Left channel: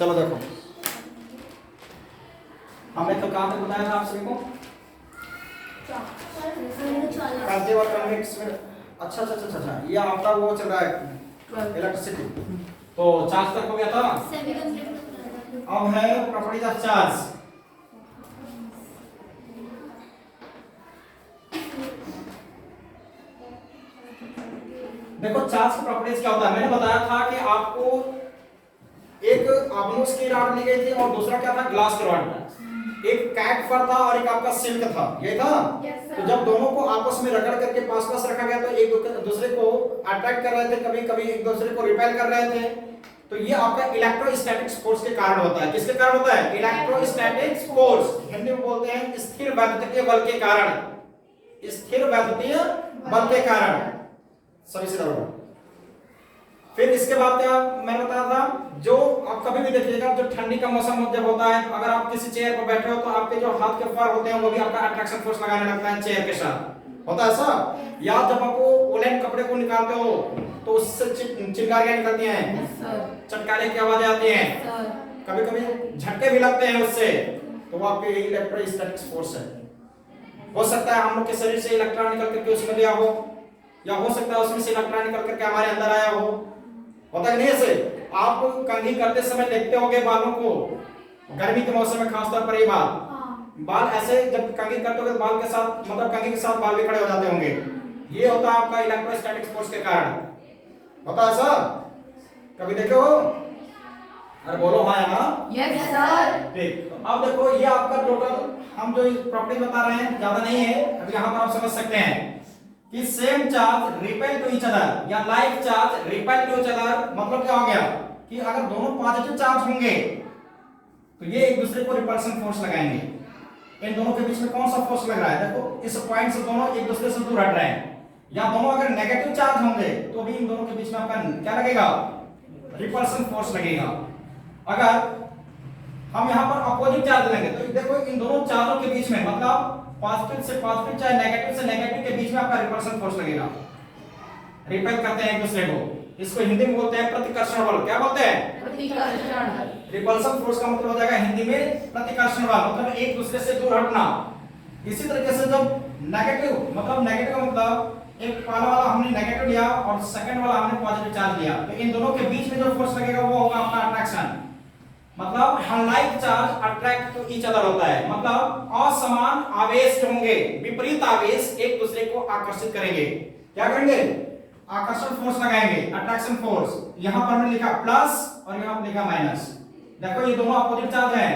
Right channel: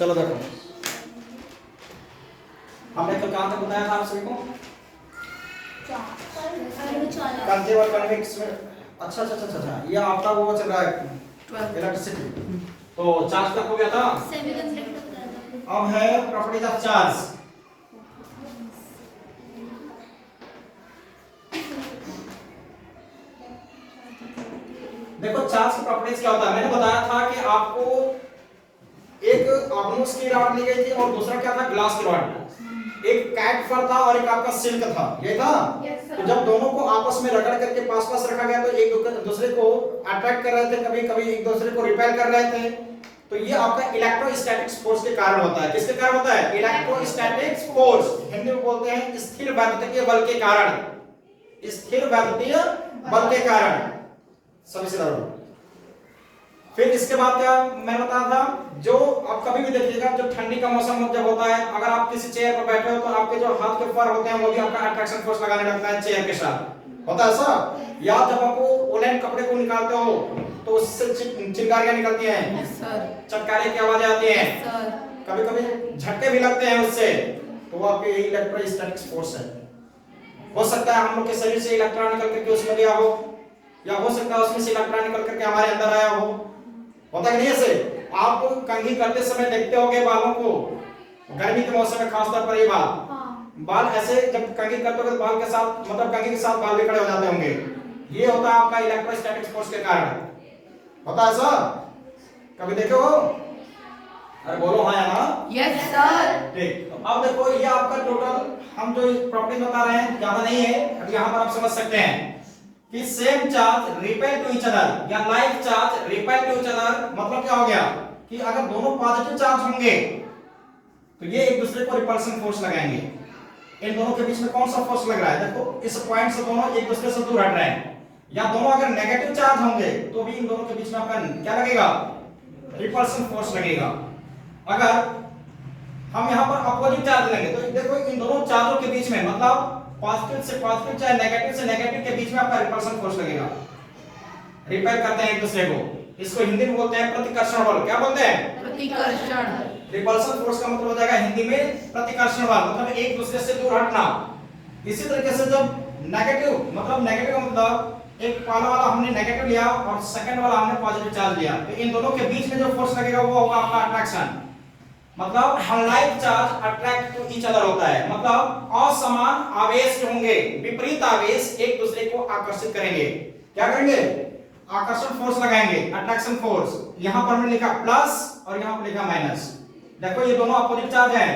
चलो देखो, हमने कल कहाँ तक बताया था आप सभी को? कंजेव और कन्वेक्स में। अच्छा अच्छा अच्छा अच्छा, ये आपका वो चल रहा है इलेक्ट्रिसिटी, तो चार्ज तक हो गया था। अब है प्रॉपर्टीज ऑफ चार्ज। देखो चार्ज की प्रॉपर्टीज क्या होता है, मैंने बताया था कि आपको एक ऑब्नोस की रॉड ली गई थी और दूसरा क्या था, ग्लास की रॉड। एक कैट फर था और एक आपका सिल्क था, ये था। तो जब दोनों को आपस में रगड़ करके पास पास रखा गया तो एक दूसरे को अट्रैक्ट कर रहे थे, कभी कभी एक दूसरे को रिपेल कर रहे थे। तो ये आपका इलेक्ट्रोस्टैटिक फोर्स के कारण होता है। किसके कारण होता है? इलेक्ट्रोस्टैटिक फोर्स, हिंदी में बोलते हैं स्थिर वैद्युतीय बल के कारण। स्थिर वैद्युतीय बल के कारण, सभी से दर्द। फिर इसके बाद क्या मैंने बताया था, जो आप कभी भी देखिएगा जब ठंडी का मौसम जब होता है, अगर आप किसी चेयर पर बैठे हो तो आपके जो हाथ के फर होते हैं वो भी आपका अट्रैक्शन फोर्स लगाने लगता है चेयर के साथ, होता है ऐसा। या जब आप वुलन कपड़े को निकालते हो तो उससे चिंगारियां निकलती हैं, चटकारे की आवाजें आती हैं, कभी कभी झटके भी लगते हैं उससे, तो वो आपके इलेक्ट्रोस्टैटिक फोर्स है। हो सकता है हम लोग के शरीर से इलेक्ट्रॉन निकल करके उसमें गया हो, या हो सकता है उसमें से इलेक्ट्रॉन निकल करके हमारे अंदर आया हो, होता है नहीं ऐसे। आप कंघी करते समय देखते होंगे बालों को, गर्मी के मौसम में खासतौर पर ये बाल ऐसे जब कंघी करते हो बाल के साथ, मतलब कंघी के साथ बाल भी खड़े हो जाते होंगे, ये होता है आपका इलेक्ट्रोस्टैटिक फोर्स के कारण, होता है ऐसा। कभी देखे हो? अरे बोलो हाँ या ना? Yes sir. ठीक, तो अब देखो ये आपका टोटल हम जो प्रॉपर्टी बता रहे हैं ज्यादा नहीं है, अब यहाँ पर आप समझ सकते हैं कि same charge repel to each other या like charge repel to each other, मतलब क्या हो गया कि अगर दोनों पॉजिटिव चार्ज होंगे तो ये एक दूसरे को रिपल्सन फोर्स लगाएंगे। इन दोनों के बीच में कौन सा फोर्स लग रहा है? देखो इस पॉइंट से दोनों एक दूसरे से दूर हट रहे हैं। या दोनों अगर नेगेटिव चार्ज होंगे तो भी इन दोनों के बीच में आपका क्या लगेगा? रिपल्सन फोर्स लगेगा। अगर हम यहाँ पर अपोजिट चार्ज लेंगे तो देखो इन दोनों चार्जों के बीच में, मतलब पॉजिटिव से पॉजिटिव चाहे नेगेटिव से नेगेटिव के बीच में आपका रिपल्सन फोर्स लगेगा। रिपेल करते हैं एक दूसरे को, इसको हिंदी में बोलते हैं प्रतिकर्षण बल। क्या बोलते हैं? प्रतिकर्षण। रिपल्सन फोर्स का मतलब हो जाएगा हिंदी में प्रतिकर्षण बल, मतलब एक दूसरे से दूर हटना। इसी तरीके से जब नेगेटिव, मतलब नेगेटिव का मतलब एक पहला वाला हमने नेगेटिव लिया और सेकंड वाला हमने पॉजिटिव चार्ज लिया, तो इन दोनों के बीच में जो फोर्स लगेगा वो होगा आपका अट्रैक्शन। मतलब unlike charge attract to each other होता है, मतलब असमान आवेश होंगे, विपरीत आवेश एक दूसरे को आकर्षित करेंगे। क्या करेंगे? आकर्षण फोर्स लगाएंगे, अट्रैक्शन फोर्स। यहां पर मैंने लिखा प्लस और यहां पर लिखा माइनस। देखो ये दोनों अपोजिट चार्ज हैं,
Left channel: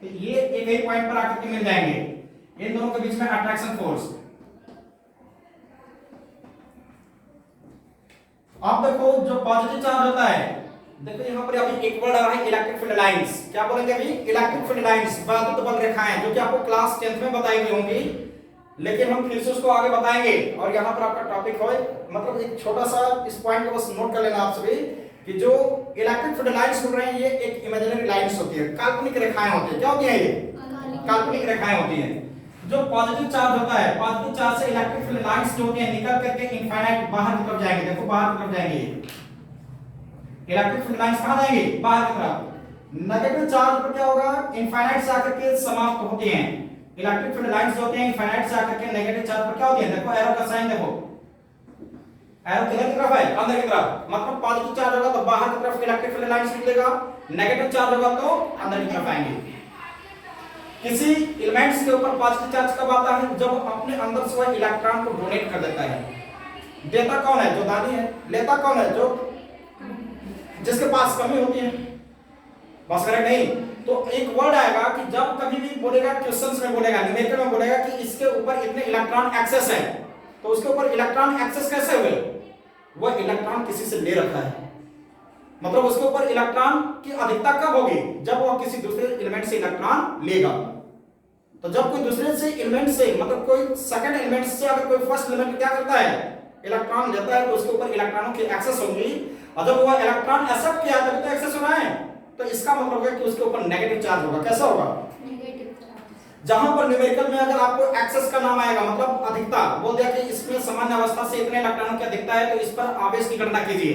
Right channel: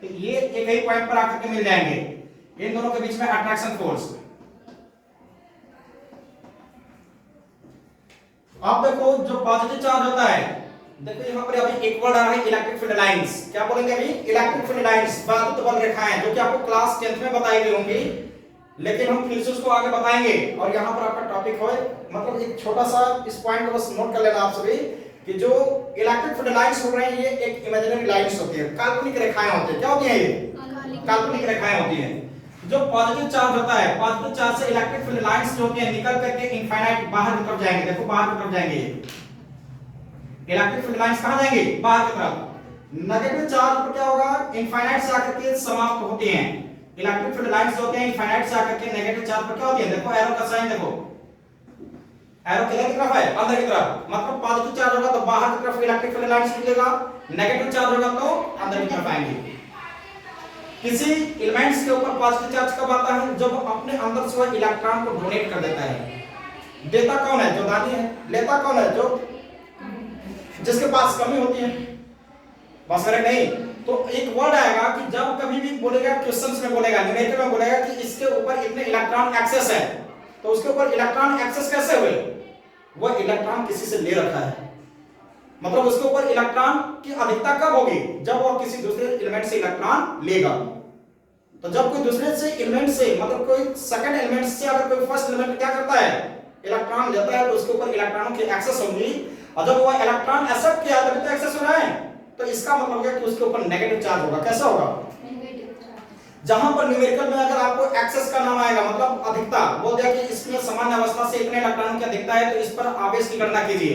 तो ये एक ही पॉइंट पर आकर के मिल जाएंगे। इन दोनों के बीच में अट्रैक्शन फोर्स। अब देखो जो पॉजिटिव चार्ज होता है, देखो यहाँ पर अभी एक वर्ड आ रहा है इलेक्ट्रिक फील्ड लाइंस। क्या बोलेंगे अभी? इलेक्ट्रिक फील्ड लाइंस, वैद्युत बल रेखाएं, जो कि आपको क्लास 10th में बताई गई होंगी, लेकिन हम फिर से उसको आगे बताएंगे। और यहाँ पर आपका टॉपिक हो, मतलब एक छोटा सा इस पॉइंट को बस नोट कर लेना आप सभी कि जो इलेक्ट्रिक फील्ड लाइंस हो रहे हैं ये एक इमेजिनरी लाइंस होती है, काल्पनिक रेखाएं होती है। क्या होती है ये? काल्पनिक रेखाएं होती है। जो पॉजिटिव चार्ज होता है, पॉजिटिव चार्ज से इलेक्ट्रिक फील्ड लाइंस जो होती है निकल करके इनफाइनाइट बाहर की तरफ जाएंगे। देखो बाहर की तरफ जाएंगे, इलेक्ट्रिक फील्ड लाइंस कहां जाएंगे? बाहर की तरफ। नेगेटिव चार्ज पर क्या होगा? इनफाइनाइट से आकर के समाप्त होती हैं। इलेक्ट्रिक फील्ड लाइंस होते हैं इनफाइनाइट से आकर के नेगेटिव चार्ज पर क्या होती है? देखो एरो का साइन, देखो एरो किधर की तरफ है? अंदर की तरफ। मतलब पॉजिटिव चार्ज होगा तो बाहर की तरफ इलेक्ट्रिक फील्ड लाइंस निकलेगा, नेगेटिव चार्ज होगा तो अंदर की तरफ आएंगे। किसी एलिमेंट्स के ऊपर पॉजिटिव चार्ज कब आता है? जब अपने अंदर से वह इलेक्ट्रॉन को डोनेट कर देता है। देता कौन है? जो दानी है। लेता कौन है? जो जिसके पास कमी होती है। बस करें नहीं तो एक वर्ड आएगा कि जब कभी भी बोलेगा, क्वेश्चंस में बोलेगा, न्यूमेरिकल में बोलेगा कि इसके ऊपर इतने इलेक्ट्रॉन एक्सेस है, तो उसके ऊपर इलेक्ट्रॉन एक्सेस कैसे हुए? वह इलेक्ट्रॉन किसी से ले रखा है, मतलब उसके ऊपर इलेक्ट्रॉन की अधिकता कब होगी? जब वह किसी दूसरे एलिमेंट से इलेक्ट्रॉन लेगा। तो जब कोई दूसरे से एलिमेंट से, मतलब कोई सेकंड एलिमेंट से अगर कोई फर्स्ट एलिमेंट क्या करता है? इलेक्ट्रॉन लेता है, तो उसके ऊपर इलेक्ट्रॉनों की एक्सेस होगी। और जब वह इलेक्ट्रॉन एक्सेप्ट किया तभी तो एक्सेस हो रहा है, तो इसका मतलब होगा कि उसके ऊपर नेगेटिव चार्ज होगा। कैसा होगा? जहां पर न्यूमेरिकल में अगर आपको एक्सेस का नाम आएगा, मतलब अधिकता, बोल दिया कि इसमें सामान्य अवस्था से इतने इलेक्ट्रॉनों की अधिकता है, तो इस पर आवेश की गणना कीजिए,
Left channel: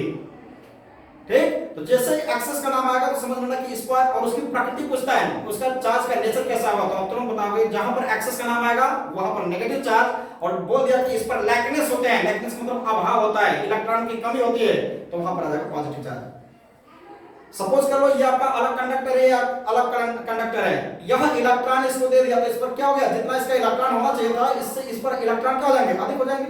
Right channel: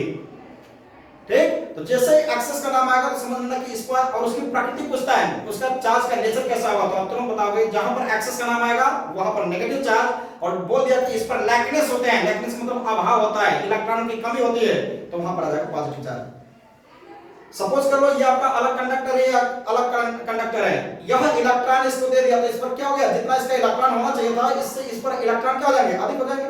ठीक। तो जैसे ही एक्सेस का नाम आएगा तो समझ लेना कि इस पर, और उसकी प्रकृति पूछता है उसका चार्ज का नेचर कैसा हुआ, तो आप तुरंत बताओगे जहां पर एक्सेस का नाम आएगा वहां पर नेगेटिव चार्ज, और बोल दिया कि इस पर लैकनेस होते हैं, लैकनेस मतलब अभाव होता है, इलेक्ट्रॉन की कमी होती है, तो वहां पर आ जाएगा पॉजिटिव चार्ज। सपोज कर लो ये आपका अलग कंडक्टर है या अलग कंडक्टर है, यह इलेक्ट्रॉन इसको दे दिया तो इस पर क्या हो गया, जितना इसका इलेक्ट्रॉन होना चाहिए था इससे इस पर इलेक्ट्रॉन क्या हो जाएंगे, अधिक हो जाएंगे,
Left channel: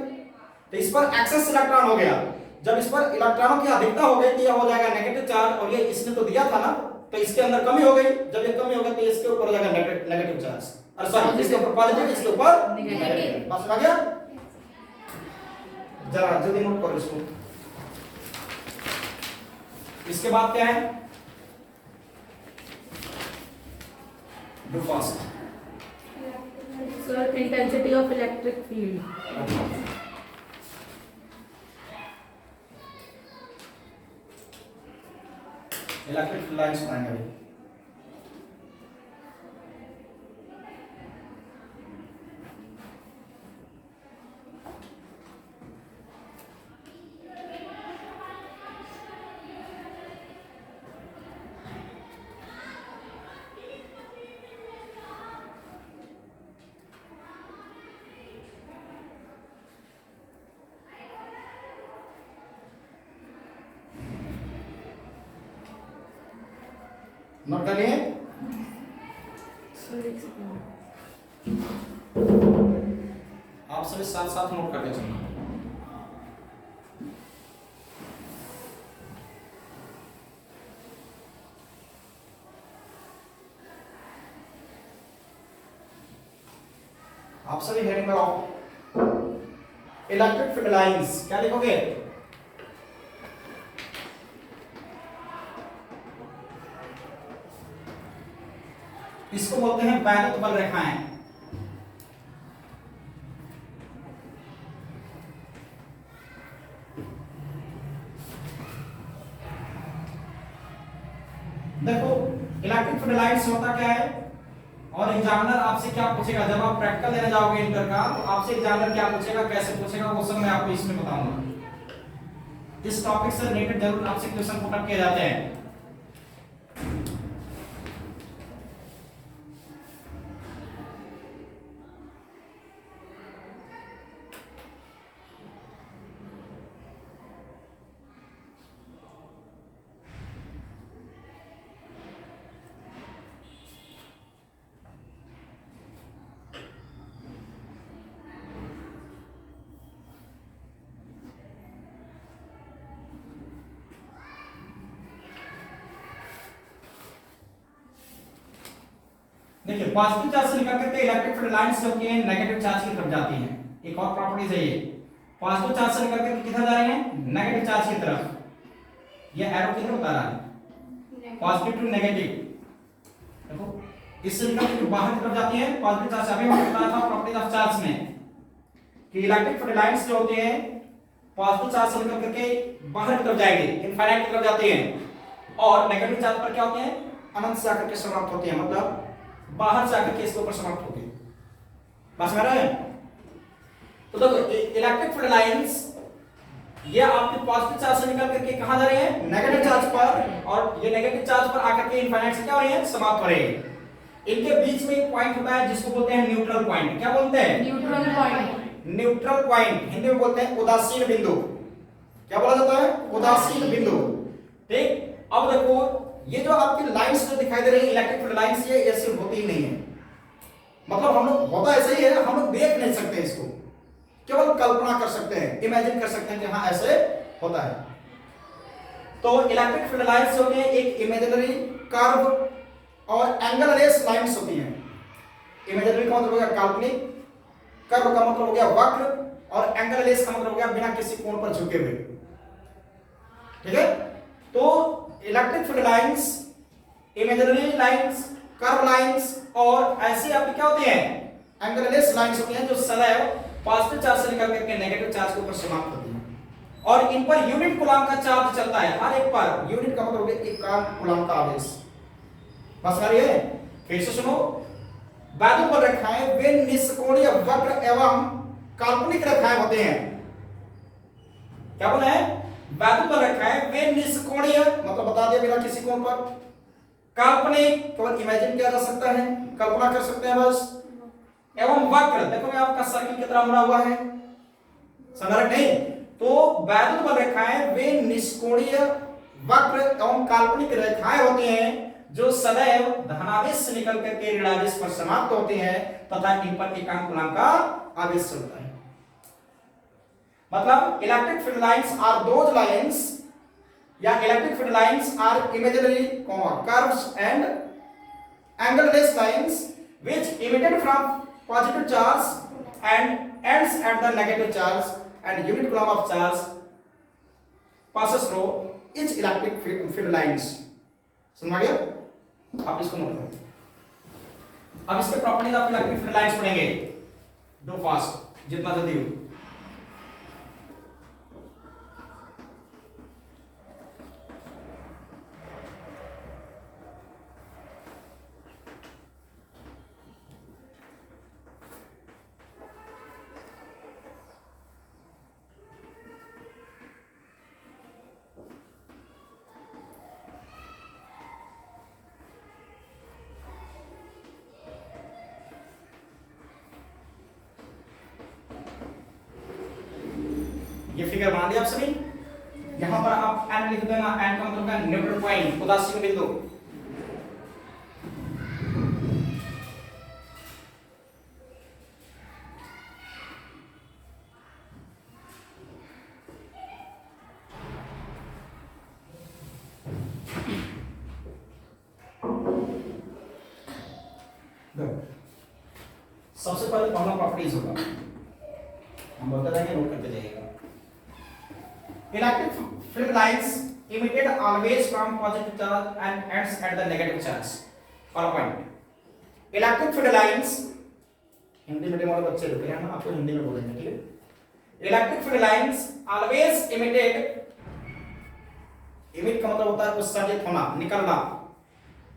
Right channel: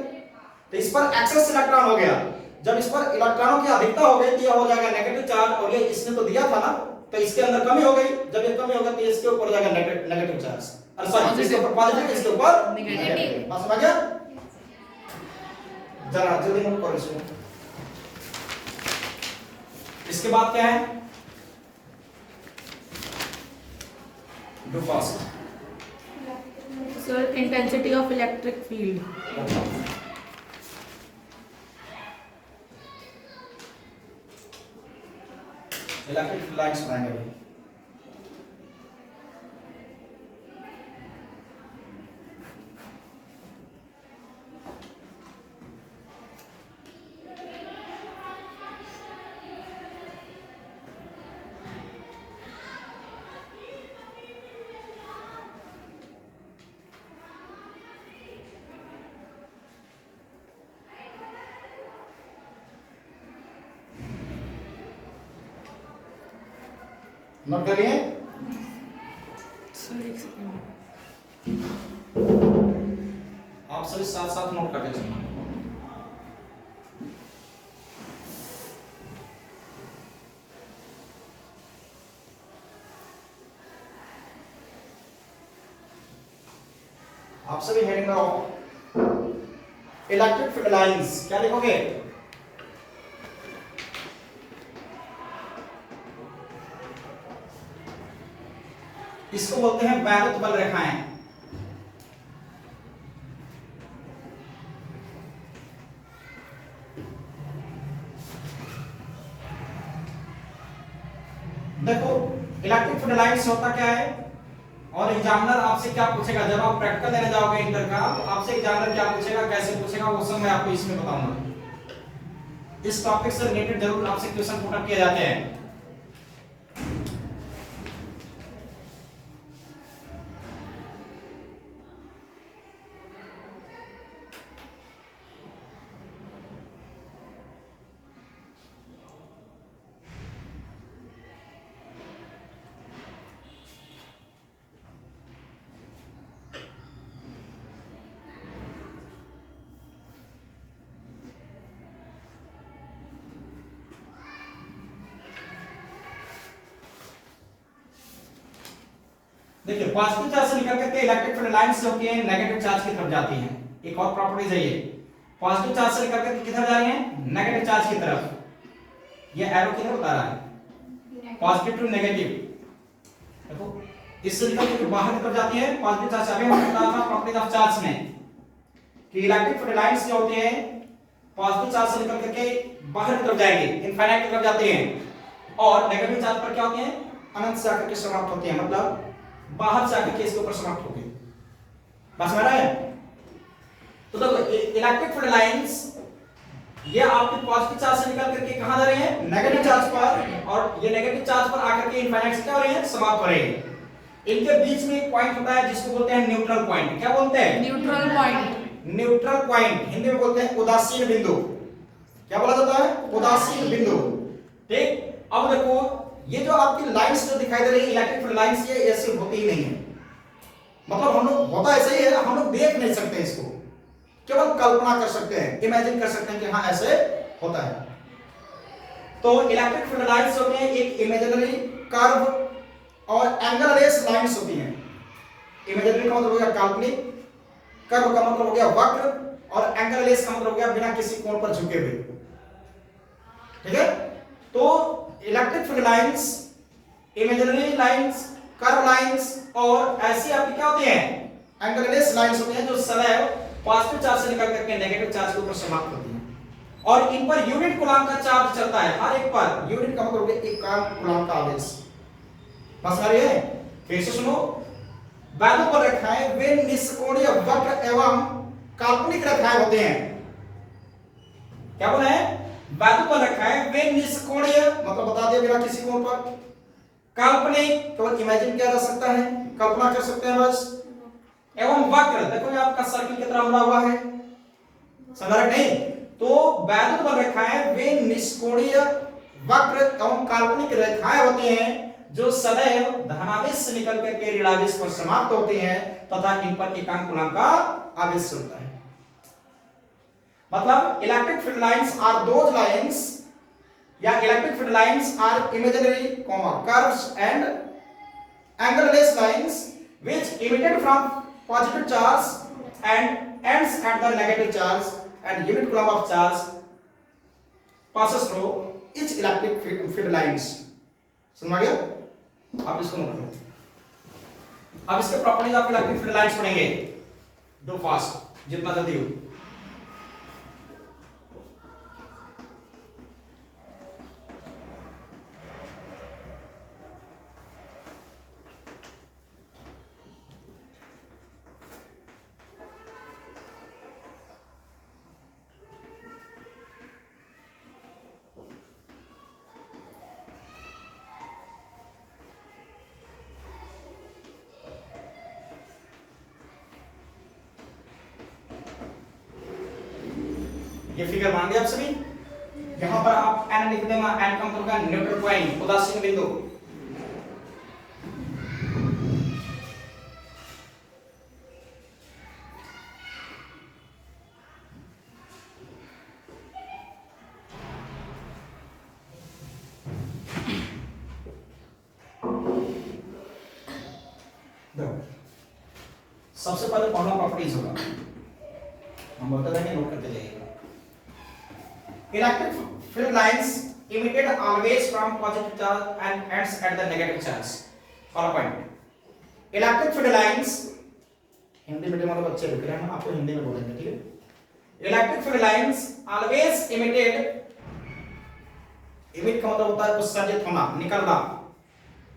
तो इस पर एक्सेस इलेक्ट्रॉन हो गया। जब इस पर इलेक्ट्रॉनों की अधिकता हो गई तो यह हो जाएगा नेगेटिव चार्ज, और ये इसने तो दिया था ना, तो इसके अंदर कमी हो गई, जब ये कमी होगा तो इसके ऊपर हो जाएगा नेगेटिव चार्ज, और सॉरी इसके ऊपर पॉजिटिव, इसके ऊपर नेगेटिव। बात समझ गया? जरा जल्दी नोट करो इसको। इसके बाद क्या है, do fast. Sir intensity of electric field. Electric lines बनाएंगे अभी। नोट करिए। सर एक सेकंड, आप सभी साथ साथ नोट करके चलना। आप सभी हेडिंग में इलेक्ट्रिक फील्ड लाइंस क्या लिखोगे, इसको बोलते हैं वैद्युत बल रेखाएं। देखो इलेक्ट्रिक फील्ड लाइंस होता क्या है, और एग्जामिनर आपसे क्या पूछेगा जब आप प्रैक्टिकल देने जाओगे इंटर का, तो आपसे एग्जामिनर क्या पूछेगा, कैसे पूछेगा, वो सब मैं आपको इसमें बताऊंगा। इस टॉपिक से रिलेटेड जरूर आपसे क्वेश्चन पुट अप किए जाते हैं। देखिए पॉजिटिव चार्ज से निकल के इलेक्ट्रिक फील्ड लाइंस जो कि नेगेटिव चार्ज की तरफ जाती हैं। एक और प्रॉपर्टीज है ये, पॉजिटिव चार्ज से निकल के किधर जा रही हैं, नेगेटिव चार्ज की तरफ। ये एरो किधर बता रहा है, पॉजिटिव टू नेगेटिव। देखो इससे निकल के बाहर की तरफ जाती है पॉजिटिव चार्ज। अभी हमने बताया था प्रॉपर्टीज ऑफ चार्ज में कि इलेक्ट्रिक फील्ड लाइंस जो होती हैं पॉजिटिव चार्ज से निकल करके बाहर की तरफ जाएंगी, इनफाइनाइट की तरफ जाती हैं, और नेगेटिव चार्ज पर क्या होती हैं, अनंत से आकर के समाप्त होती हैं, मतलब बाहर से आकर के इसके ऊपर समाप्त होगी। बात समझ रहे हैं? तो देखो इलेक्ट्रिक फील्ड लाइंस ये आपके पॉजिटिव चार्ज से निकल करके कहां जा रहे हैं, नेगेटिव चार्ज पर, और ये नेगेटिव चार्ज पर आकर के इनफाइनाइट से क्या हो रही है, समाप्त हो रही है। इनके बीच में एक पॉइंट होता है जिसको बोलते हैं न्यूट्रल पॉइंट। क्या बोलते हैं, neutral point. Neutral point Hindi में बोलते हैं उदासीन बिंदु। क्या बोला जाता है, उदासीन बिंदु। ठीक। अब देखो ये जो आपकी लाइंस जो दिखाई दे रही है इलेक्ट्रिक फील्ड लाइंस, ये ऐसे होती ही नहीं है, मतलब हम लोग होता ऐसे ही है, हम लोग देख नहीं सकते इसको, केवल कल्पना कर सकते हैं, इमेजिन कर सकते हैं कि हाँ ऐसे होता है। तो इलेक्ट्रिक फील्ड लाइंस होती है एक इमेजिनरी कर्व और एंगललेस लाइंस होती हैं। इमेजिनरी का मतलब हो गया काल्पनिक, कर्व का मतलब हो गया वक्र, और एंगललेस का मतलब हो गया बिना किसी कोण पर झुके हुए। ठीक है। तो electric field lines, imaginary lines, curve lines, और ऐसे आपकी क्या होती हैं, एंगललेस लाइंस होती हैं जो सदैव पॉजिटिव चार्ज से निकल करके नेगेटिव चार्ज के ऊपर समाप्त होती हैं, और इन पर यूनिट कूलम का चार्ज चलता है। हर एक पर यूनिट का मतलब एक कूलम का आवेश। बस आ रही है, फिर से सुनो। वैद्युत बल रेखाएं वे निष्कोणीय वक्र एवं काल्पनिक रेखाएं होते हैं। क्या बोले हैं, वैद्युत बल रखा है वे निष्कोणीय, मतलब बता दिया बिना किसी कोण पर, काल्पनिक, केवल इमेजिन किया जा सकता है, कल्पना कर सकते हैं बस, एवं वक्र, देखो ये आपका सर्किल की तरह बना हुआ है, समझ नहीं? तो वैद्युत बल रेखाएं वे निष्कोणीय, वक्र एवं काल्पनिक रेखाएं होती हैं जो सदैव धनावेश से निकल करके ऋणावेश पर समाप्त होती हैं तथा इन पर एकांक गुणांक का आवेश होता है। मतलब electric field lines are those lines, या electric field lines are imaginary curves and angle-less lines which emitted from positive charge and ends at the negative charge and unit coulomb of charge passes through each electric field lines। समझ आ गया? आप इसको note करो। अब इसके properties आप electric field lines पढ़ेंगे, do fast जितना जल्दी हो। ये फिगर मान दिया आप सभी। यहां पर आप n लिख देना, n का मतलब है न्यूट्रल पॉइंट, उदासीन बिंदु। सबसे पहले पहला प्रॉपर्टीज होगा, हम बोलते रहेंगे, नोट करते जाइएगा। Electric field lines emitted always from positive charge and ends at the negative charge। Follow point, electric field lines, Hindi medium वाले बच्चे रुक रहे हैं, आपको हिंदी में बोलेंगे, ठीक है? Electric field lines always emitted, emit का मतलब होता है उत्सर्जित होना, निकलना,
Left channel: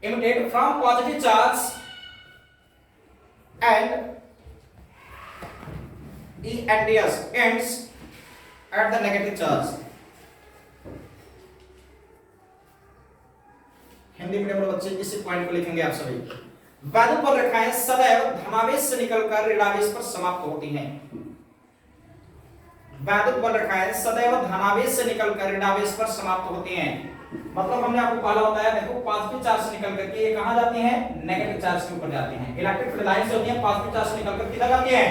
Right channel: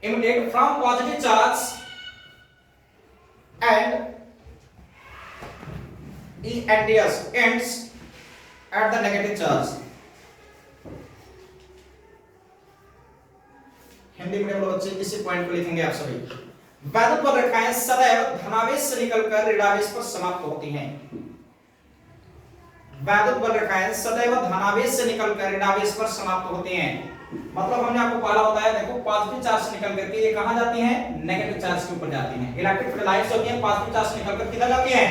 emitted from positive charge and ends at the negative charge। Hindi medium वाले बच्चे इसी पॉइंट को लिखेंगे आप सभी। वैद्युत बल रेखाएं सदैव धनावेश से निकलकर ऋणावेश पर समाप्त होती हैं। वैद्युत बल रेखाएं सदैव धनावेश से निकलकर ऋणावेश पर समाप्त होती हैं। मतलब हमने आपको पहला बताया, देखो पॉजिटिव चार्ज से निकल करके ये कहां जाती हैं? नेगेटिव चार्ज के ऊपर जाती हैं। इलेक्ट्रिक फील्ड लाइंस होती हैं पॉजिटिव चार्ज से निकलकर किधर जाती हैं?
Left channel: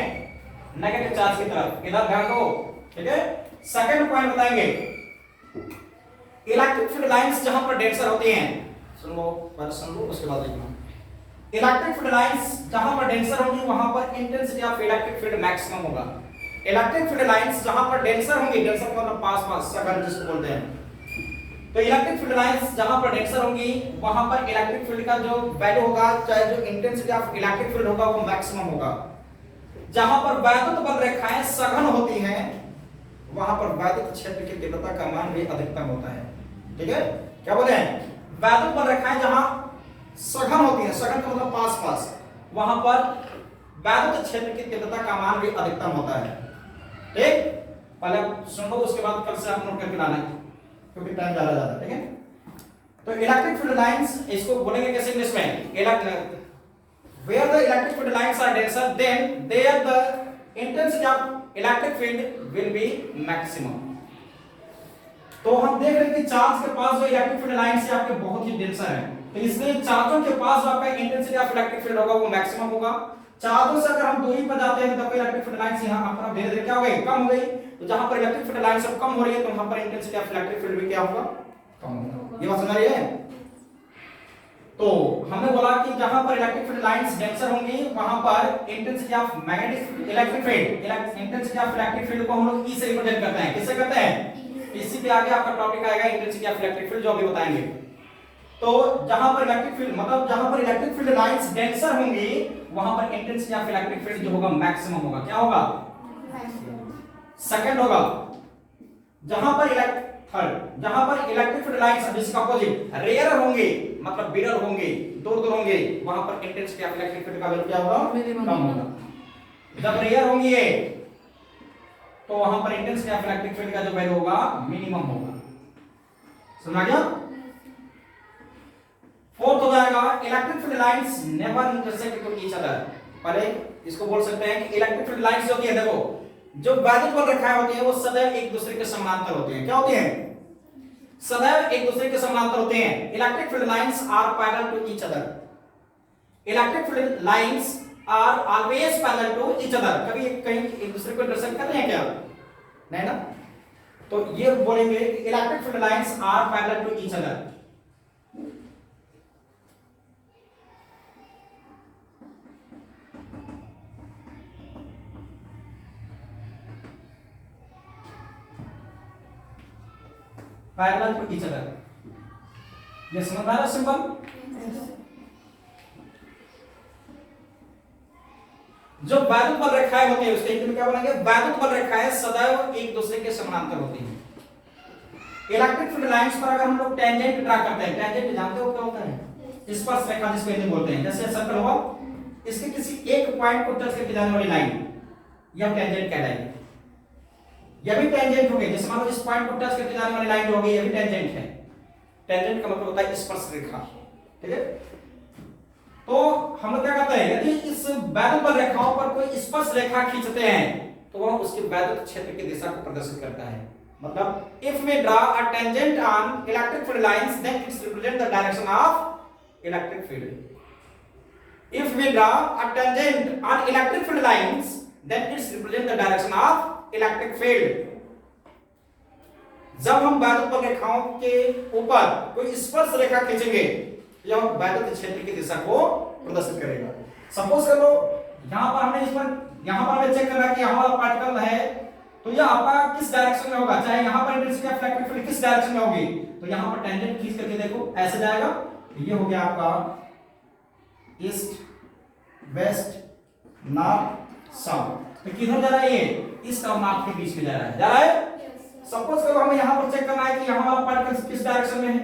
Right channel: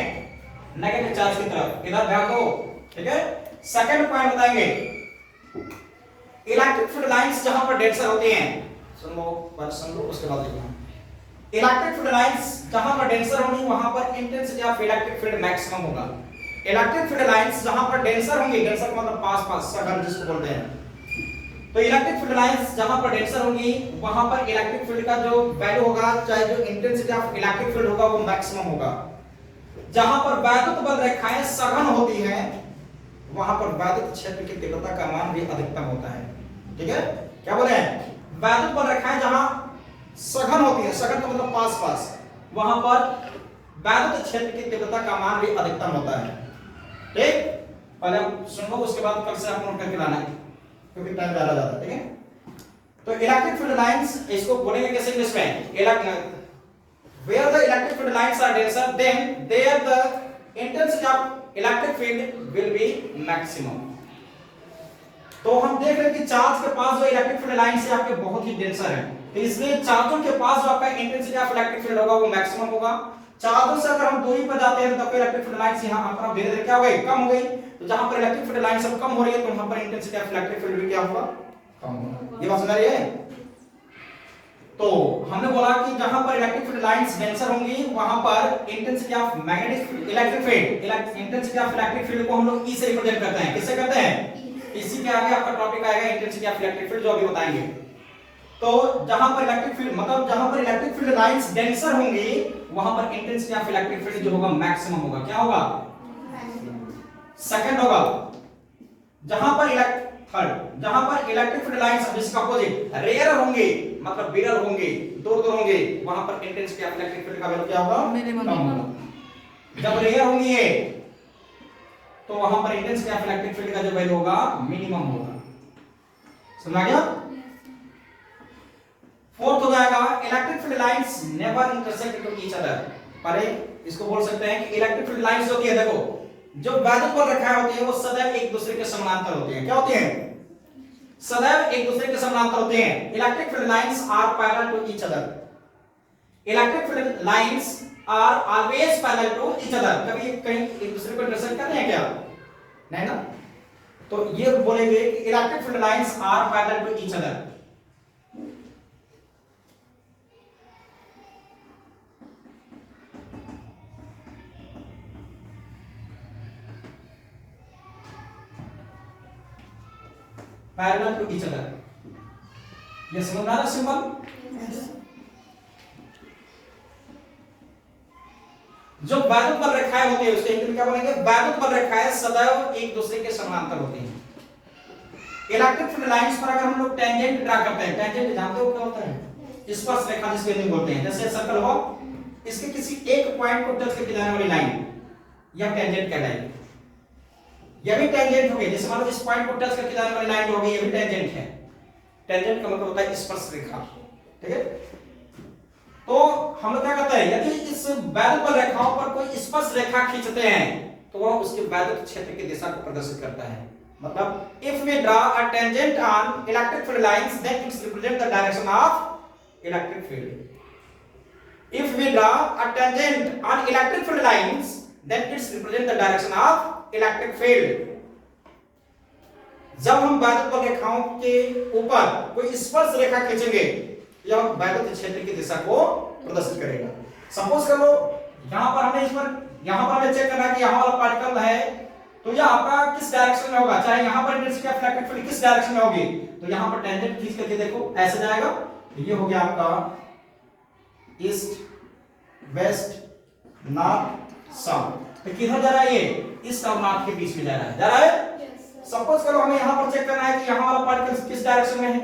नेगेटिव चार्ज की तरफ। इधर ध्यान दो, ठीक है? सेकंड पॉइंट बताएंगे, इलेक्ट्रिक फील्ड लाइंस जहां पर डेंसर होती हैं, सुन लो पहले सुन लो उसके बाद देखना। इलेक्ट्रिक फील्ड लाइंस जहां पर डेंसर होंगी वहां पर intensity of electric field maximum होगा। इलेक्ट्रिक फील्ड लाइंस जहां पर डेंसर होंगी, डेंसर का मतलब पास पास, सघन जिसको बोलते हैं, तो इलेक्ट्रिक फील्ड लाइंस जहां पर डेंसर होंगी वहां पर इलेक्ट्रिक फील्ड का जो वैल्यू होगा, चाहे जो इंटेंसिटी ऑफ इलेक्ट्रिक फील्ड होगा वो मैक्सिमम होगा। जहां पर वैद्युत बल रेखाएं सघन होती हैं वहां पर वैद्युत क्षेत्र की तीव्रता का मान भी अधिकतम होता है, ठीक है? क्या बोल रहे हैं? वैद्युत बल रेखाएं जहां सघन होती हैं, सघन का मतलब पास पास, वहां पर वैद्युत क्षेत्र की तीव्रता का मान भी अधिकतम होता है, ठीक? पहले सुन लो, उसके बाद कल से हम नोट करके लाना है क्योंकि टाइम ज्यादा जाता है, ठीक है? तो इलेक्ट्रिक फील्ड लाइंस इसको बोलेंगे कैसे इंग्लिश में? where the electric field lines are denser, then there the intensity of electric field will be maximum। तो हम देख रहे हैं कि चार्ज के पास जो इलेक्ट्रिक फील्ड लाइंस है आपके बहुत ही डेंसर है, तो इसलिए चार्जों के पास जो आपका इंटेंसिटी ऑफ इलेक्ट्रिक फील्ड होगा वो मैक्सिमम होगा। चार्जों से अगर हम दूरी पर जाते हैं तो इलेक्ट्रिक फील्ड लाइंस यहां पर धीरे धीरे क्या हो गई? कम हो गई। तो जहां पर इलेक्ट्रिक फील्ड लाइंस अब कम हो रही है तो वहां पर इंटेंसिटी ऑफ इलेक्ट्रिक फील्ड भी क्या होगा? कम होगा। ये बात समझ रही है? तो हमने बोला कि जहां पर इलेक्ट्रिक फील्ड लाइंस डेंसर होंगी वहां पर intensity of magnetic electric field, intensity of electric field को हम लोग ई से रिप्रेजेंट करते हैं। किससे करते हैं? इसी के आगे आपका टॉपिक आएगा इंटेंसिटी ऑफ इलेक्ट्रिक फील्ड, जो अभी बताएंगे। तो जहां पर इलेक्ट्रिक फील्ड मतलब जहां पर इलेक्ट्रिक फील्ड लाइंस डेंसर होंगी वहां पर इंटेंसिटी ऑफ इलेक्ट्रिक फील्ड जो होगा मैक्सिमम होगा। क्या होगा? सेकंड होगा। जहां पर जहां पर इलेक्ट्रिक फील्ड लाइंस जिसका अपोजिट रेयर होंगे, मतलब विरल होंगे, दूर दूर होंगे, वहां पर इंटेंसिटी ऑफ इलेक्ट्रिक फील्ड का वैल्यू क्या होगा? कम होगा। जब रेयर होंगे तो वहां पर इंटेंसिटी ऑफ इलेक्ट्रिक फील्ड का जो वैल्यू होगा मिनिमम होगा। समझ गया? फोर्थ हो जाएगा electric field lines never intersect to each other. पहले इसको बोल सकते हैं कि इलेक्ट्रिक फील्ड लाइंस होती है, देखो जो वैद्युत बल रेखाएं होती है वो सदैव एक दूसरे के समानांतर होती हैं। क्या होती हैं? सदैव एक दूसरे के समानांतर होते हैं। Electric field lines are parallel to each other. Electric field lines are always parallel to each other. कभी कहीं एक दूसरे को इंटरसेक्ट करते हैं क्या? नहीं ना। तो ये बोलेंगे कि electric field lines are parallel to each other. Parallel to each other. ये समझ आ रहा है सिंपल? जो वैद्युत बल रेखाएं होती है उसके क्या बोलेंगे? वैद्युत बल रेखाएं सदैव एक दूसरे के समानांतर होती हैं। इलेक्ट्रिक फील्ड लाइंस पर अगर हम लोग टेंजेंट ड्रा करते हैं, टेंजेंट जानते हो क्या होता है? स्पर्श रेखा जिसको हिंदी में बोलते हैं। जैसे सर्कल हो, इसके किसी एक पॉइंट को टच करके जाने वाली लाइन यह टेंजेंट कहलाएगी। यह भी टेंजेंट हो गई। जैसे मान लो इस पॉइंट को टच करके जाने वाली लाइन जो हो गई, यह भी टेंजेंट है। टेंजेंट का मतलब होता है स्पर्श रेखा। ठीक है? तो हम लोग क्या कहते हैं, यदि इस वैद्युत बल रेखाओं पर कोई स्पर्श रेखा खींचते हैं तो वह उसके वैद्युत क्षेत्र की दिशा को प्रदर्शित करता है। मतलब if we draw a tangent on electric field lines then its represent the direction of electric field. If we draw a tangent on electric field lines then its represent the direction of electric field. जब हम वैद्युत बल रेखाओं के ऊपर कोई स्पर्श रेखा खींचेंगे यह वैद्युत क्षेत्र की दिशा को प्रदर्शित करेगा। सपोज कर लो यहां पर हमें यहां पर हमें चेक करना है कि यहां वाला पार्टिकल है तो यह आपका किस डायरेक्शन में होगा, चाहे यहां पर इंटेंसिटी ऑफ इलेक्ट्रिक फील्ड किस डायरेक्शन में होगी। तो यहां पर टेंजेंट खींच करके देखो ऐसे जाएगा। ये हो गया आपका ईस्ट, वेस्ट, नॉर्थ, साउथ। तो किधर जा रहा है? ये ईस्ट और नॉर्थ के बीच में जा रहा है। जा रहा है? सपोज करो हमें यहां पर चेक करना है कि यहां वाला पार्टिकल किस डायरेक्शन में है।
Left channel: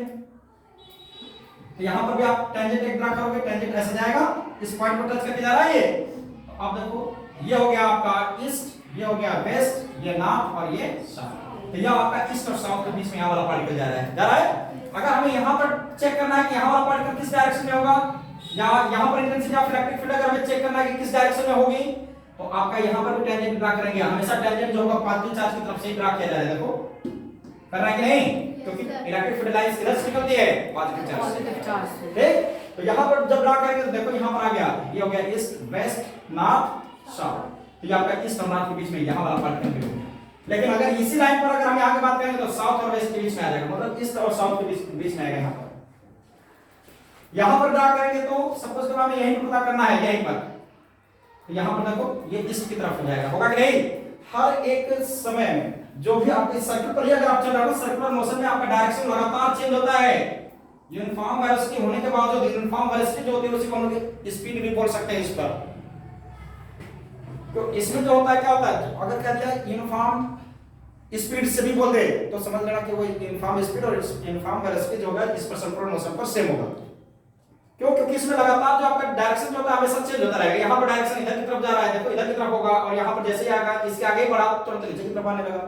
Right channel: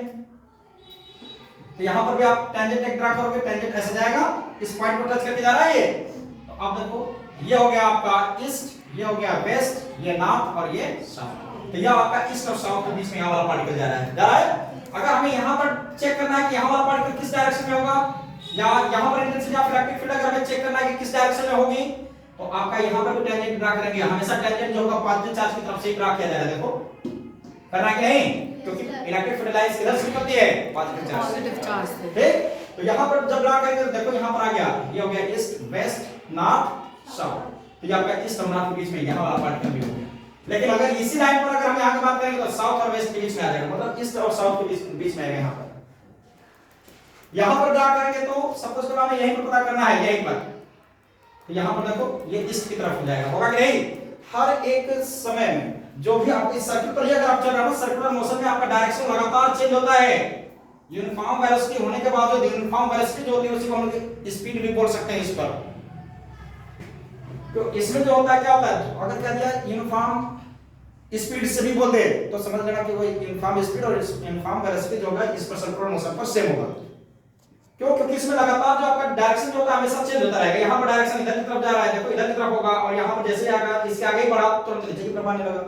तो यहां पर भी आप टेंजेंट एक ड्रा करोगे, टेंजेंट ऐसे जाएगा, इस पॉइंट को टच करके जा रहा है ये। तो आप देखो ये हो गया आपका ईस्ट, ये हो गया वेस्ट, ये नॉर्थ और ये साउथ। तो यह आपका ईस्ट और साउथ के बीच में यहां वाला पार्टिकल जा रहा है। जा रहा है? अगर हमें यहां पर चेक करना है कि यहां वाला पार्टिकल किस डायरेक्शन में होगा या यहां पर इंटेंसिटी ऑफ इलेक्ट्रिक फील्ड अगर हमें चेक करना है कि किस डायरेक्शन में होगी तो आपका यहां पर भी टेंजेंट ड्रा करेंगे। हमेशा टेंजेंट जो होगा पॉजिटिव चार्ज की तरफ से ही ड्रा किया जाएगा। देखो करना है कि नहीं? क्योंकि इलेक्ट्रिक फील्ड लाइंस किधर से निकलती है? पॉजिटिव चार्ज से। ठीक? तो यहां पर जब ड्रा करेंगे तो देखो यहां पर आ गया, ये हो गया ईस्ट, वेस्ट, नॉर्थ, साउथ। तो ये आपका ईस्ट और नॉर्थ के बीच में यहां वाला पार्टिकल भी हो गया। लेकिन अगर इसी लाइन पर अगर हम यहां की बात करेंगे तो साउथ और वेस्ट के बीच में आ जाएगा, मतलब ईस्ट और साउथ के बीच में आएगा। यहां पर ड्रा करेंगे तो सपोज करो हमें यहीं पर पता करना है, यहीं पर। तो यहां पर देखो ये ईस्ट की तरफ हो जाएगा। होगा कि नहीं? हर एक समय में जो भी आपके सर्किल पर अगर आप चल रहे हो सर्कुलर मोशन में आपका डायरेक्शन लगातार चेंज होता है। यूनिफॉर्म वेलोसिटी होने के बाद जो यूनिफॉर्म वेलोसिटी जो होती है उसी को हम लोग स्पीड भी बोल सकते हैं इस पर। तो इसमें जो होता है क्या होता है, अगर कह दिया यूनिफॉर्म स्पीड से भी बोल दे तो समझ लेना कि वो यूनिफॉर्म स्पीड और यूनिफॉर्म वेलोसिटी जो होगा इस पर सर्कुलर मोशन पर सेम होगा। क्यों? क्योंकि इसमें लगातार जो आपका डायरेक्शन जो होता है हमेशा चेंज होता रहेगा। यहाँ पर डायरेक्शन इधर की तरफ जा रहा है, देखो इधर की तरफ होगा, और यहाँ पर जैसे आएगा इसके आगे ही बढ़ा तो नीचे की तरफ आने लगा,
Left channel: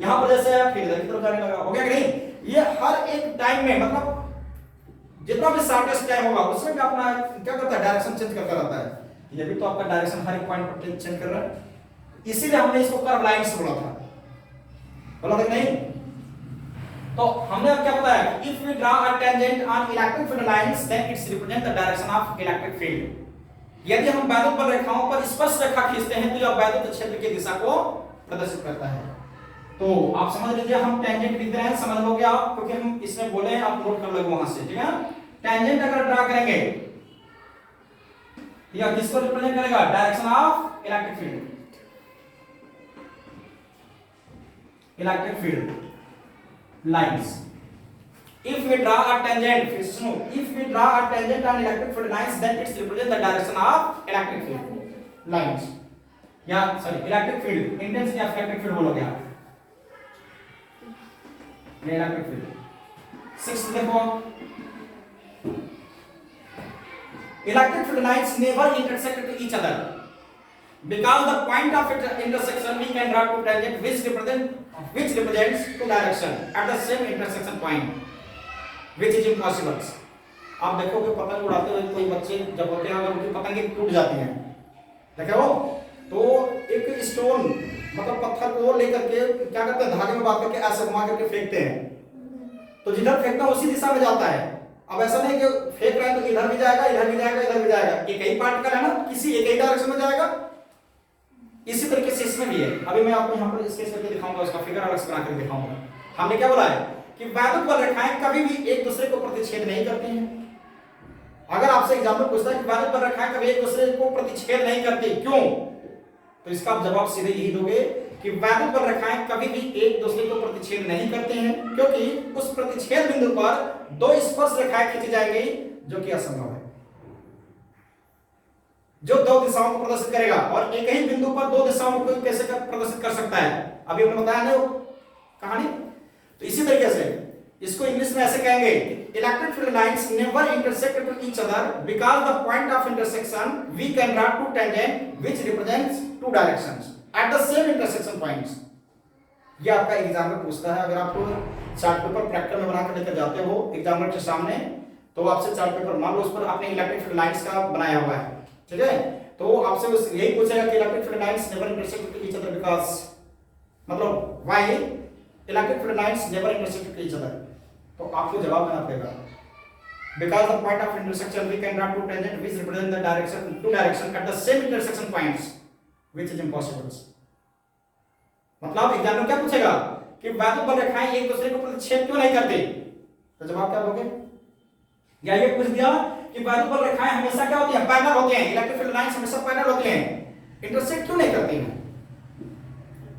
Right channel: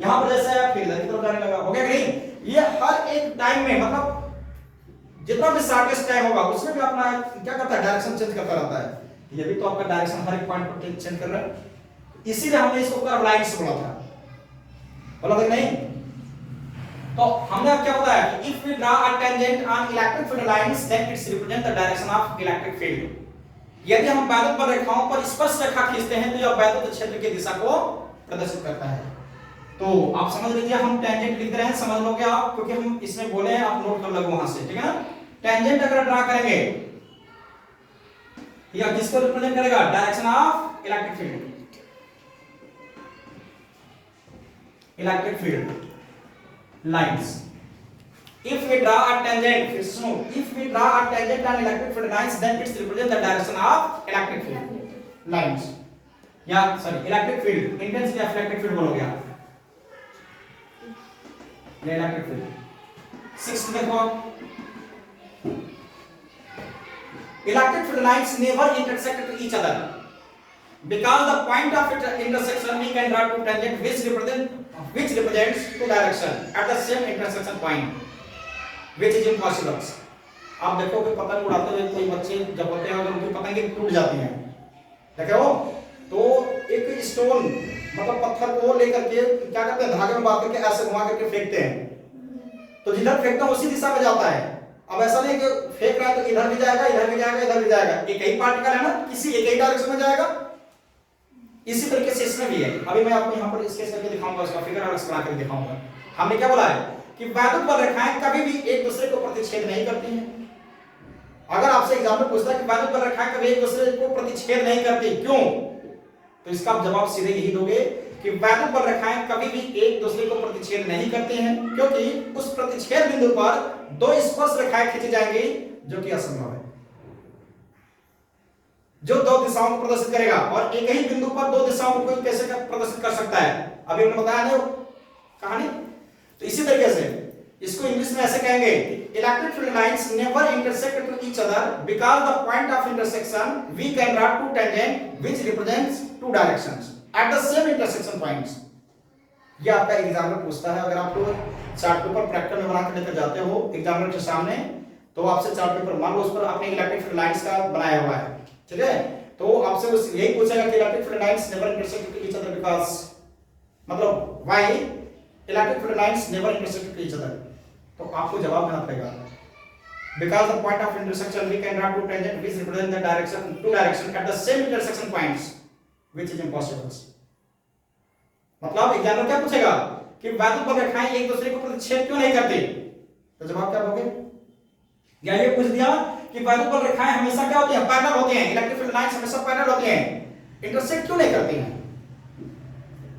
यहाँ पर जैसे आया फिर इधर की तरफ जाने लगा। हो गया कि नहीं? ये हर एक टाइम में मतलब जितना भी शॉर्टेस्ट टाइम होगा उसमें भी अपना क्या करता है, डायरेक्शन चेंज करता रहता है। ये भी तो आपका डायरेक्शन हर एक पॉइंट पर चेंज कर रहा है, इसीलिए हमने इसको कर्व लाइंस बोला था। बोला था कि नहीं? तो हमने अब क्या बताया कि if we draw a tangent on electric field lines then its represent the direction of electric field. यदि हम वैद्युत बल रेखाओं पर स्पर्श रेखा खींचते हैं तो यह वैद्युत क्षेत्र की दिशा को प्रदर्शित करता है। तो आप समझ लीजिए हम टेंजेंट लिख रहे हैं, समझ लोगे आप, क्योंकि हम इसमें बोले हैं, आप नोट कर लोगे वहां से, ठीक है ना? टेंजेंट अगर ड्रा करेंगे यह किसको रिप्रेजेंट करेगा? Direction of electric field. Electric field lines. If we draw a tangent, if we draw a tangent on electric field lines, then it represents the direction of electric field lines. या sorry, electric field, intensity of electric field बोलोगे आप। ये electric field। Sixth देखो, electric field lines never intersect to each other. Because the point of intersection we can draw two tangent which represents two direction at the same intersection point. which is impossible. आप देखो कि पतंग उड़ाते हुए कोई बच्चे जब होते हैं अगर उनकी पतंगे टूट जाती हैं, देखे हो, तो एक स्टोन मतलब पत्थर को लेकर के क्या करते हैं, धागे में बांध करके ऐसे घुमा करके फेंकते हैं, तो जिधर फेंकना उसी दिशा में जाता है। अब ऐसा नहीं कि फेंक रहा है तो इधर भी जाएगा, इधर भी जाएगा, इधर भी जाएगा, एक ही पार्टिकल है ना, किसी एक ही डायरेक्शन में जाएगा। इसी तरीके से इसमें भी है। अभी मैं आपको यहाँ पर स्केच करके दिखाऊंगा, उसका फिगर आर्ट्स बना करके दिखाऊंगा। हमने क्या बोला है कि वैद्युत बल रेखाएं कभी भी एक दूसरे को प्रतिच्छेद नहीं करती हैं। अगर आपसे एग्जाम्पल पूछता है कि वैद्युत बल रेखाएं कभी एक दूसरे को प्रतिच्छेद नहीं करती, क्यों, तो इसका आप जवाब सीधे यही दोगे कि वैद्युत बल रेखाएं कभी भी एक दूसरे को प्रतिच्छेद नहीं करती हैं, क्योंकि उस प्रतिच्छेद बिंदु पर दो स्पर्श रेखाएं खींची जाएंगी, जो कि असंभव है, जो दो दिशाओं को प्रदर्शित करेगा। और एक ही बिंदु पर दो दिशाओं को कोई कैसे प्रदर्शित कर सकता है, अभी हमने बताया ना कहानी। तो इसी तरीके से इसको इंग्लिश में ऐसे कहेंगे, electric field lines never intersect with each other because the point of intersection we can draw two tangent which represents two directions at the same intersection points. ये आपका एग्जाम में पूछता है। अगर आपको चार्ट पेपर प्रैक्टिकल में बना कर लेकर जाते हो एग्जामिनर के सामने, तो आपसे चार्ट पेपर मान लो उस पर आपने इलेक्ट्रिक फील्ड लाइंस का बनाया हुआ है, ठीक है, तो आपसे उस यही पूछेगा कि electric field lines never intersect with each other because, मतलब why electric field lines never intersect with each other, तो आपको जवाब देना पड़ेगा because the point of intersection we can draw two tangent which represent the direction two direction at the same intersection points which is impossible. मतलब examiner क्या पूछेगा कि वैद्युत बल रेखाएं एक दूसरे को प्रतिच्छेद क्यों नहीं करती, तो जवाब क्या दोगे? या ये पूछ दिया कि वैद्युत बल रेखाएं हमेशा क्या होती हैं, पैरेलल होती हैं, इलेक्ट्रिक फील्ड लाइंस हमेशा पैरेलल होती हैं, इंटरसेक्ट क्यों नहीं करती हैं,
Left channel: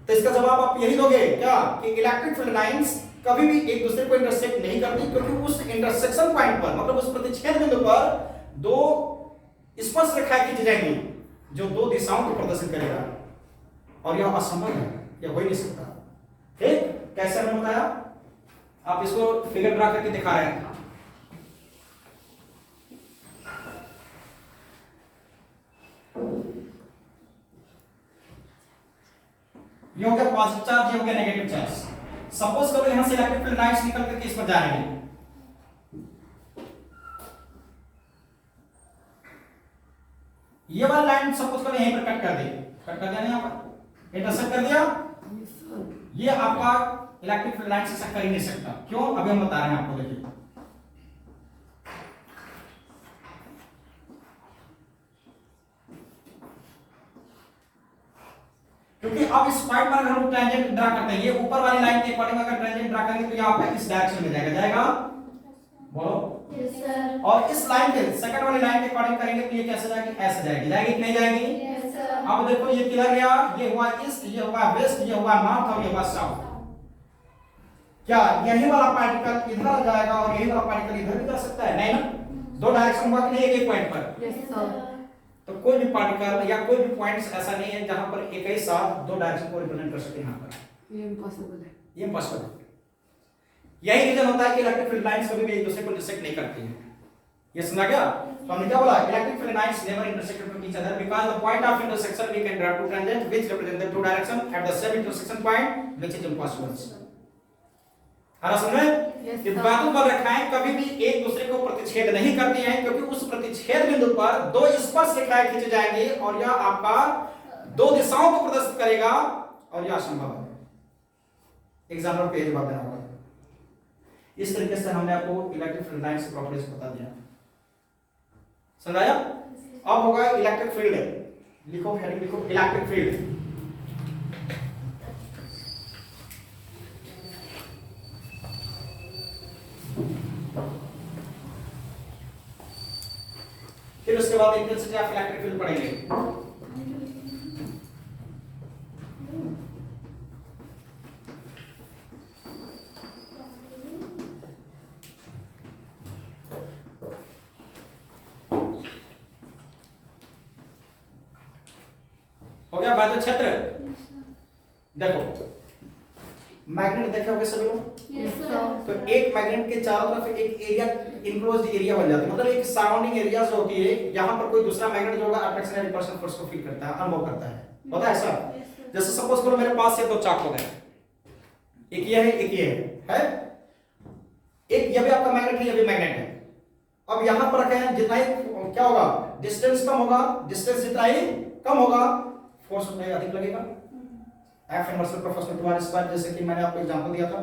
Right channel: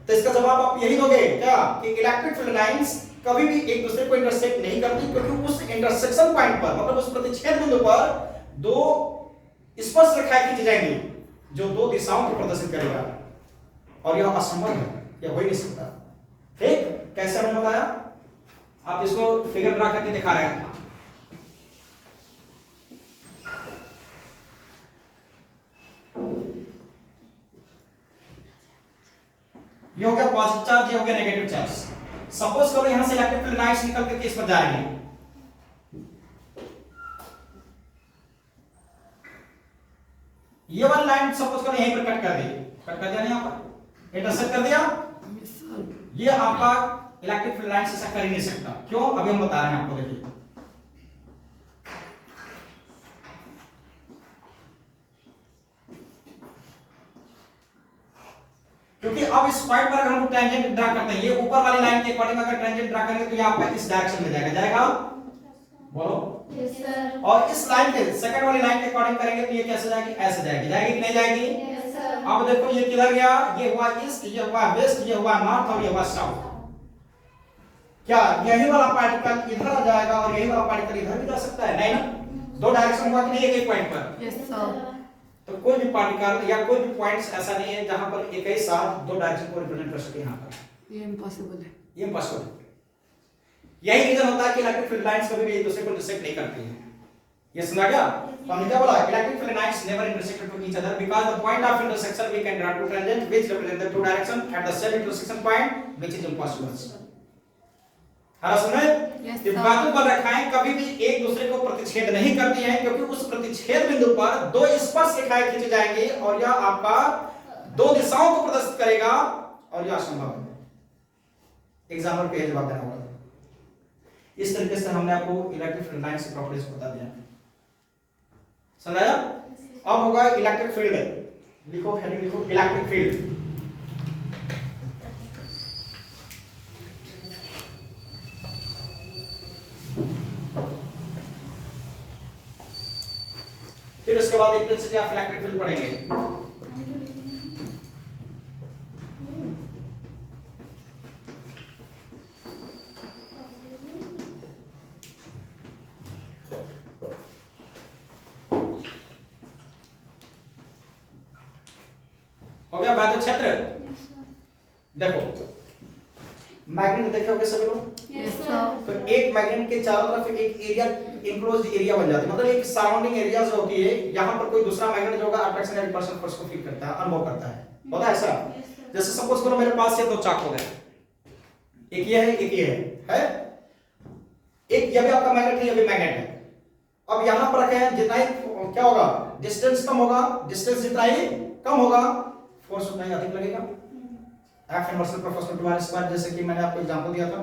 तो इसका जवाब आप यही दोगे क्या कि इलेक्ट्रिक फील्ड लाइंस कभी भी एक दूसरे को इंटरसेक्ट नहीं करती, क्योंकि उस इंटरसेक्शन पॉइंट पर मतलब उस प्रतिच्छेद बिंदु पर दो स्पर्श रेखाएं खींची जाएंगी, जो दो दिशाओं को प्रदर्शित करेगा, और यह असंभव है, यह हो ही नहीं सकता। ठीक, कैसे मैंने बताया, आप इसको फिगर ड्रा करके दिखा रहे हैं। ये हो गया पॉजिटिव चार्ज, ये हो गया नेगेटिव चार्ज। सपोज करो यहां से इलेक्ट्रिक फील्ड लाइंस निकल करके इस पर जाएंगे, ये वाली लाइन सपोज करो यहीं पर कट कर दी, कट कर दिया, यहां पर इंटरसेक्ट कर दिया, ये आपका इलेक्ट्रिक फील्ड लाइन से ऐसा कर ही नहीं सकता। क्यों, अभी हम बता रहे हैं आपको, देखिए क्योंकि अब इस पॉइंट पर अगर हम टेंजेंट ड्रा करते हैं, ये ऊपर वाली लाइन के अकॉर्डिंग अगर टेंजेंट ड्रा करेंगे तो यहाँ पे इस डायरेक्शन में जाएगा, बोलो यस सर। और इस लाइन के सेकंड वाली लाइन के अकॉर्डिंग करेंगे तो ये कैसे जाएगी, ऐसे जाएगी, जाएगी कि नहीं जाएगी? Yes sir. अब देखो ये किधर गया, ये हुआ ईस्ट, ये हुआ वेस्ट, ये हुआ नॉर्थ और ये हुआ साउथ। क्या यही वाला पार्टिकल इधर जाएगा और यही वाला पार्टिकल इधर भी जा सकता है? नहीं ना, दो डायरेक्शन हुआ कि नहीं एक पॉइंट पर? Yes sir. तो कोई भी पार्टिकल या कोई भी पॉइंट्स ऐसा नहीं है जहां पर एक ही साथ दो डायरेक्शन को रिप्रेजेंट कर सके। यहां पर ये इम्पॉसिबल है, ये इम्पॉसिबल। यही रीजन होता है कि इलेक्ट्रिक फील्ड लाइंस कभी भी एक दूसरे को इंटरसेक्ट नहीं करती हैं। ये समझा गया? तो हमने क्या बोला, electric field lines never intersect with each other because the point of intersection we can draw two tangent which represent the two direction at the same intersection point which is impossible. हरा समझ Yes, कि sir. वैद्युत बल रेखाएं कभी भी एक दूसरे को प्रतिच्छेद नहीं करती हैं, क्योंकि उस प्रतिच्छेद बिंदु पर दो स्पर्श रेखाएं खींची जाएंगी और यह आपका दो दिशाओं को प्रदर्शित करेगा और यह असंभव है। एग्जाम्पल पे जवाब देना होगा। इस तरीके से हमने आपको इलेक्ट्रिक फील्ड लाइंस की प्रॉपर्टीज बता दिया, समझाया? अब होगा इलेक्ट्रिक फील्ड, लिखो हेडिंग लिखो इलेक्ट्रिक फील्ड। फिर उसके बाद इंटेंसिटी ऑफ इलेक्ट्रिक फील्ड पढ़ेंगे। हो गया वैद्युत क्षेत्र। देखो मैग्नेट देखे होंगे सभी लोग, यस सर। तो एक मैग्नेट के चारों तरफ एक एरिया इनक्लोज्ड एरिया बन जाती है, मतलब एक सराउंडिंग एरिया जो होती है, यहाँ पर कोई दूसरा मैग्नेट जो होगा अट्रैक्शन या रिपल्शन फोर्स को फील करता है, अनुभव करता है, पता है ऐसा? जैसे सपोज करो मेरे पास ये दो चाक हो गए, एक ये है एक ये है? एक ये भी आपका मैग्नेट है, ये भी मैग्नेट है। अब यहां पर रखें, जितना ही क्या होगा, डिस्टेंस कम होगा, डिस्टेंस जितना ही कम होगा फोर्स उतना ही अधिक लगेगा। F inverse proportional to r square, जैसे कि मैंने आपको एग्जांपल दिया था,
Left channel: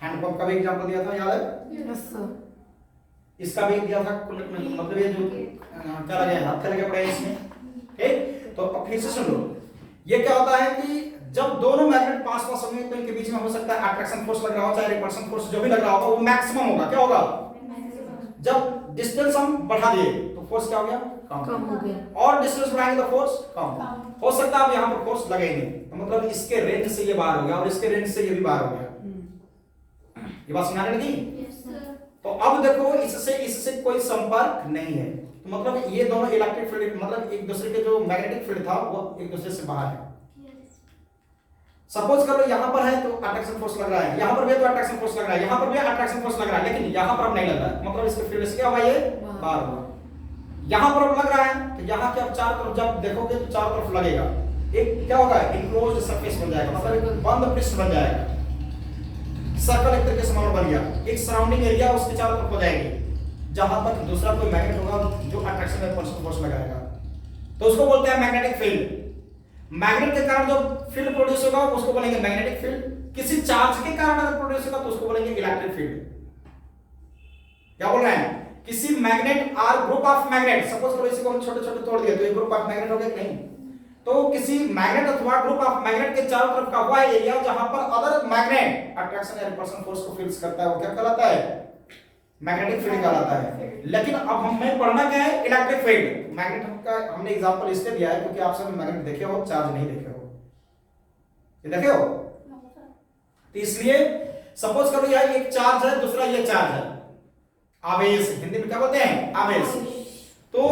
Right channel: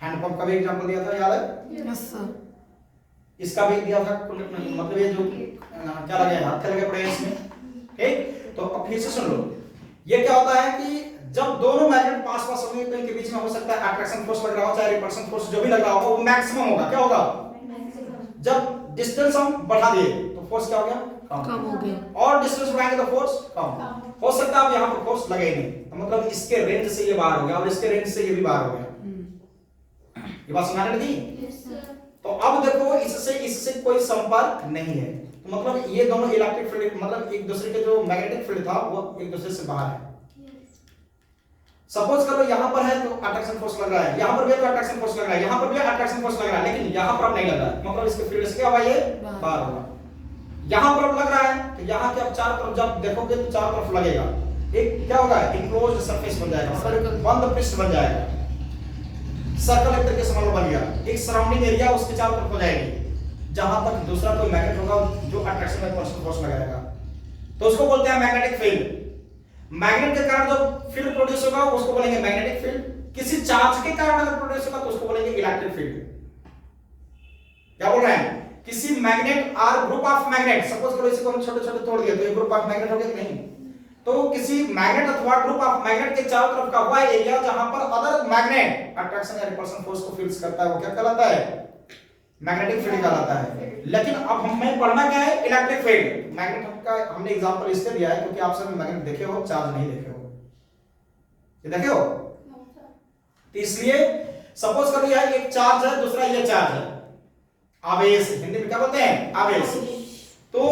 हैंडपंप का भी एग्जांपल दिया था, याद है? Yes sir. इसका भी दिया था, मतलब ये जो क्या लगे, हाथ लगे पड़े हैं इसमें, ठीक। तो अब फिर से सुन लो, ये क्या होता है कि जब दोनों मैग्नेट पास पास होंगे तो इनके बीच में हो सकता है अट्रैक्शन फोर्स लग रहा हो, चाहे रिपल्शन फोर्स जो भी लग रहा होगा वो मैक्सिमम होगा। क्या होगा? जब डिस्टेंस हम बढ़ा दिए तो फोर्स क्या हो गया? कम हो गया। और डिस्टेंस बढ़ाएंगे तो फोर्स कम हो सकता है। अब यहाँ पर फोर्स लगे ही नहीं, तो मतलब इसके रेंज से ये बाहर हो गया और इसके रेंज से ये भी बाहर हो गया। ये बात समझ लगी? तो अब देखो, इससे कोई संपर्क नहीं है, तो मतलब ये दोनों इलेक्ट्रिक फील्ड मतलब एक दूसरे के जो मैग्नेटिक फील्ड था वो एक दूसरे से बाहर है। सपोज करो यहाँ पर है तो अट्रैक्शन फोर्स लग रहा है, यहाँ पर भी तो अट्रैक्शन फोर्स लग रहा है, यहाँ पर भी अट्रैक्शन फोर्स लग रहा है, लेकिन यहाँ पर अब नहीं लग रहा है, मतलब इसके फील्ड से क्या हुआ, ये बाहर होगा। यहाँ पर अब लग रहा है तो यहाँ के अब चारों तरफ जब देखोगे तो चारों तरफ लगेगा, एक क्या होगा, इनक्लोज्ड सरफेस बन जाएगा, मतलब एक बंद पृष्ठ बन जाएगा। सर्कल एक तरीके से मान लो बन गया, एक सराउंडिंग एरिया उसके चारों तरफ हो जाएगी, जहां तक दूसरा कोई मैग्नेट होगा जो अट्रैक्शन का रिपल्शन फोर्स लगाएगा, तो उसको बोलते हैं मैग्नेटिक फील्ड। मैग्नेट के कारण जो फील्ड प्रोड्यूस होगा उसको बोलेंगे मैग्नेटिक फील्ड। किसी चार्ज के कारण अगर प्रोड्यूस होगा तो उसको बोलेंगे इलेक्ट्रिक फील्ड। क्या बोल रहे हैं? किसी मैग्नेट और ग्रुप ऑफ मैग्नेट, सपोज करो इसी को हम छोटे छोटे तोड़ दिए तो ये ग्रुप ऑफ मैग्नेट हो गया कि नहीं? तो किसी मैग्नेट अथवा ग्रुप ऑफ मैग्नेट के चारों तरफ का वह एरिया जहां पर अदर मैग्नेट अट्रैक्शन या रिपल्शन फोर्स को फील्स करता है वो क्या कहलाता है? मैग्नेटिक फील्ड कहलाता है। लेकिन अब हमें पढ़ना क्या है? Electric field. मैग्नेट का हमने एग्जांपल इसलिए दिया है क्योंकि आप सब मैग्नेट देखे हो, चार्ज नहीं देखे हो। ये देखे हो? तो इसलिए सपोज करो यह एक चार्ज है, दूसरा ये चार्ज है, आवेश, हिंदी में क्या बोलते हैं? आवेश। तो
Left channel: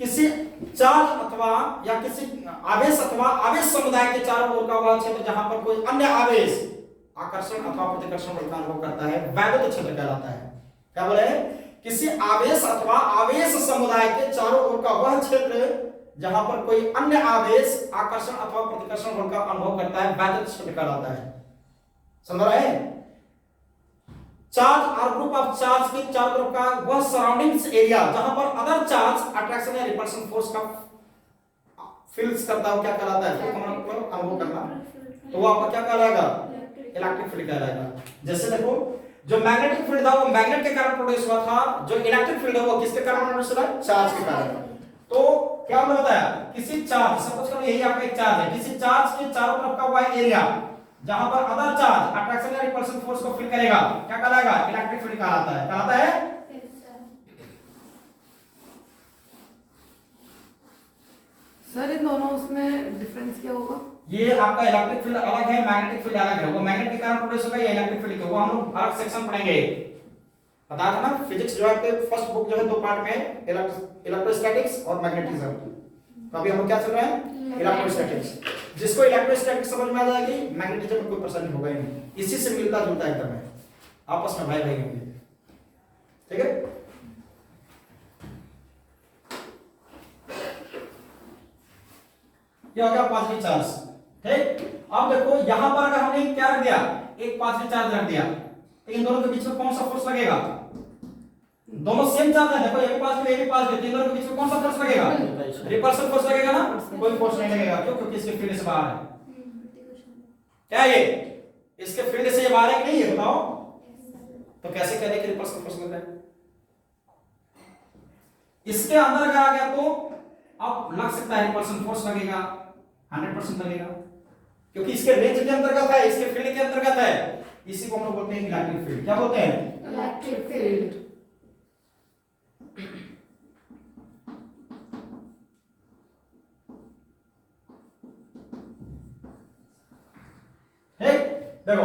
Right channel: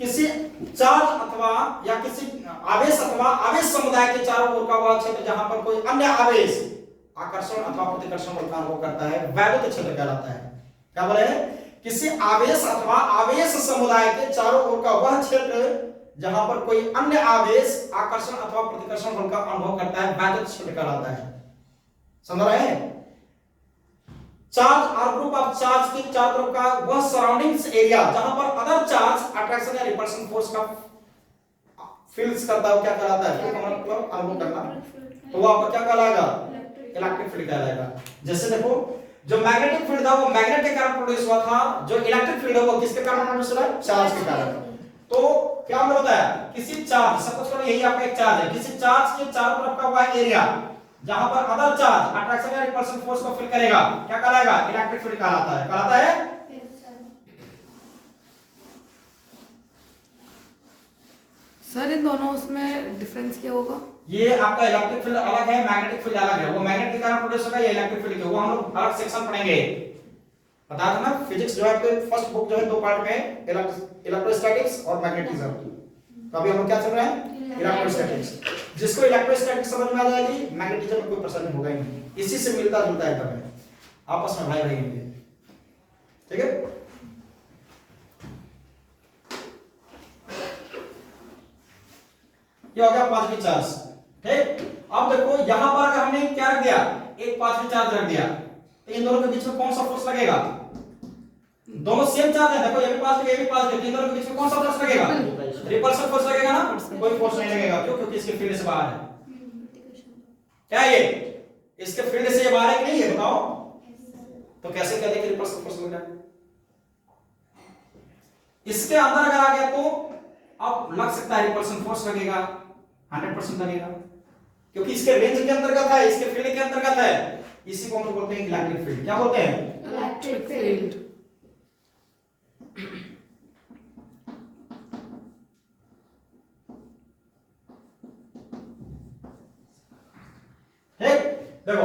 किसी चार्ज अथवा या किसी आवेश अथवा आवेश समुदाय के चारों ओर का वह क्षेत्र जहां पर कोई अन्य आवेश आकर्षण अथवा प्रतिकर्षण बल का अनुभव करता है वैद्युत क्षेत्र कहलाता है। क्या बोले? किसी आवेश अथवा आवेश समुदाय के चारों ओर का वह क्षेत्र जहां पर कोई अन्य आवेश आकर्षण अथवा प्रतिकर्षण बल का अनुभव करता है वैद्युत क्षेत्र कहलाता है। समझ रहे हैं? चार्ज और ग्रुप ऑफ चार्ज के चारों तरफ का वह सराउंडिंग्स एरिया जहां पर अदर चार्ज अट्रैक्शन या रिपल्शन फोर्स का फील्स करता है, क्या कहलाता है? मतलब अनुभव करना, तो वो आपका क्या कहलाएगा? इलेक्ट्रिक फील्ड कहलाएगा। जैसे देखो, जो मैग्नेटिक फील्ड था वो मैग्नेट के कारण प्रोड्यूस हुआ था, जो इलेक्ट्रिक फील्ड है वो किसके कारण प्रोड्यूस हुआ है? चार्ज के कारण। तो क्या हमने बताया? किसी चार्ज, सपोज करो यही आपका एक चार्ज है, किसी चार्ज के चारों तरफ का वह एरिया जहां पर अदर चार्ज अट्रैक्शन या रिपल्शन फोर्स को फील करेगा, क्या कहलाएगा? इलेक्ट्रिक फील्ड कहलाता है। कहलाता है? सर इन दोनों उसमें डिफरेंस क्या होगा? ये आपका इलेक्ट्रिक फील्ड अलग है, मैग्नेटिक फील्ड अलग है। वो मैग्नेट के कारण प्रोड्यूस होगा, ये इलेक्ट्रिक फील्ड के, वो हम लोग अलग सेक्शन पढ़ेंगे। बता दो ना, फिजिक्स जो है आपके फर्स्ट बुक जो है दो पार्ट में, इलेक्ट्रोस्टैटिक्स और मैग्नेटिज्म। तो अभी हम लोग क्या चल रहा है? इलेक्ट्रोस्टैटिक्स। जिसको इलेक्ट्रोस्टैटिक्स समझ में आ जाएगी, मैग्नेटिज्म में कोई परेशानी होगा ही नहीं, इसी से मिलता जुलता एकदम है, आपस में भाई भाई होंगे। ठीक है? ये हो गया पांचवी चार्ज। ठीक, अब देखो यहां पर अगर हमने क्या रख दिया? एक पांचवी चार्ज रख दिया, तो इन दोनों के बीच में कौन सा फोर्स लगेगा? दोनों सेम चार्ज है, देखो ये भी पास ये भी पास, इन दोनों के बीच में कौन सा फोर्स लगेगा? रिपल्सिव फोर्स लगेगा ना? कोई फोर्स नहीं लगेगा। क्यों? क्योंकि इसके फील्ड से बाहर है। क्या ये इसके फील्ड से ये बाहर है कि नहीं, ये बताओ? तो कैसे करें कि रिपल्सिव फोर्स लग रहा है? इसके अंदर अगर आ गया तो अब लग सकता है रिपल्सन फोर्स लगेगा, 100% लगेगा, क्योंकि इसके रेंज के अंतर्गत है, इसके फील्ड के अंतर्गत है। इसी को हम लोग बोलते हैं इलेक्ट्रिक फील्ड। क्या बोलते हैं? Electric field. देखो,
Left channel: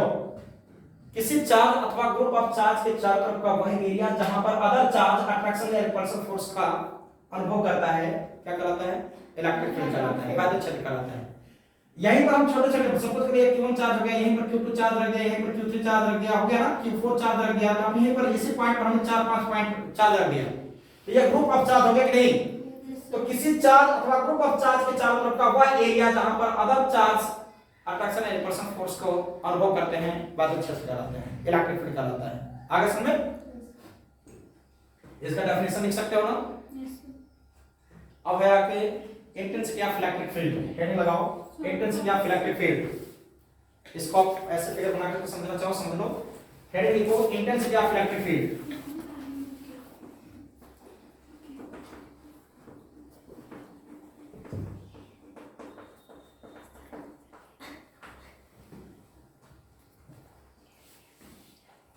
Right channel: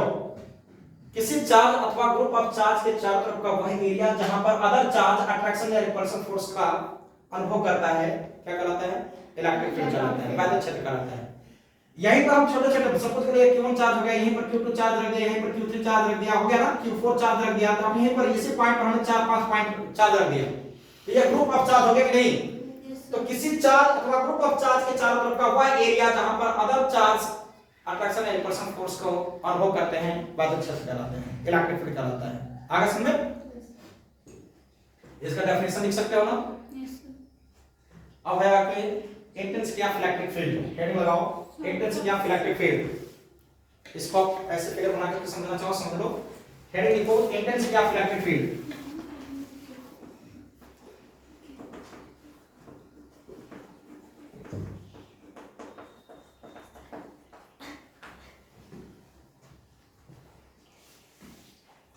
किसी चार्ज अथवा ग्रुप ऑफ चार्ज के चारों तरफ का वह एरिया जहां पर अदर चार्ज अट्रैक्शन या रिपल्सन फोर्स का अनुभव करता है, क्या कहलाता है? इलेक्ट्रिक फील्ड कहलाता है, वैद्युत क्षेत्र कहलाता है। यहीं पर हम छोटे छोटे, सपोज करिए Q1 चार्ज हो गया, यहीं पर Q2 चार्ज रख दिया, यहीं पर Q3 चार्ज रख दिया, हो गया ना? Q4 चार्ज रख दिया, तो हम यहीं पर इसी पॉइंट पर हमने 4-5 पॉइंट चार्ज रख दिया, तो ये ग्रुप ऑफ चार्ज हो गया कि नहीं? तो किसी चार्ज अथवा ग्रुप ऑफ चार्ज के चारों तरफ का वह एरिया जहां पर अदर चार्ज अट्रैक्शन या रिपल्शन फोर्स को अनुभव करते हैं बाधित क्षेत्र कहलाते हैं, इलेक्ट्रिक फील्ड कहलाता है। आगे समझ में इसका डेफिनेशन लिख सकते हो ना। अब है आपके intensity of electric field, heading लगाओ इंटेंसिटी ऑफ इलेक्ट्रिक फील्ड। इसको आप ऐसे फिगर बना के समझना चाहो समझ लो। हेडिंग लिखो इंटेंसिटी ऑफ इलेक्ट्रिक फील्ड।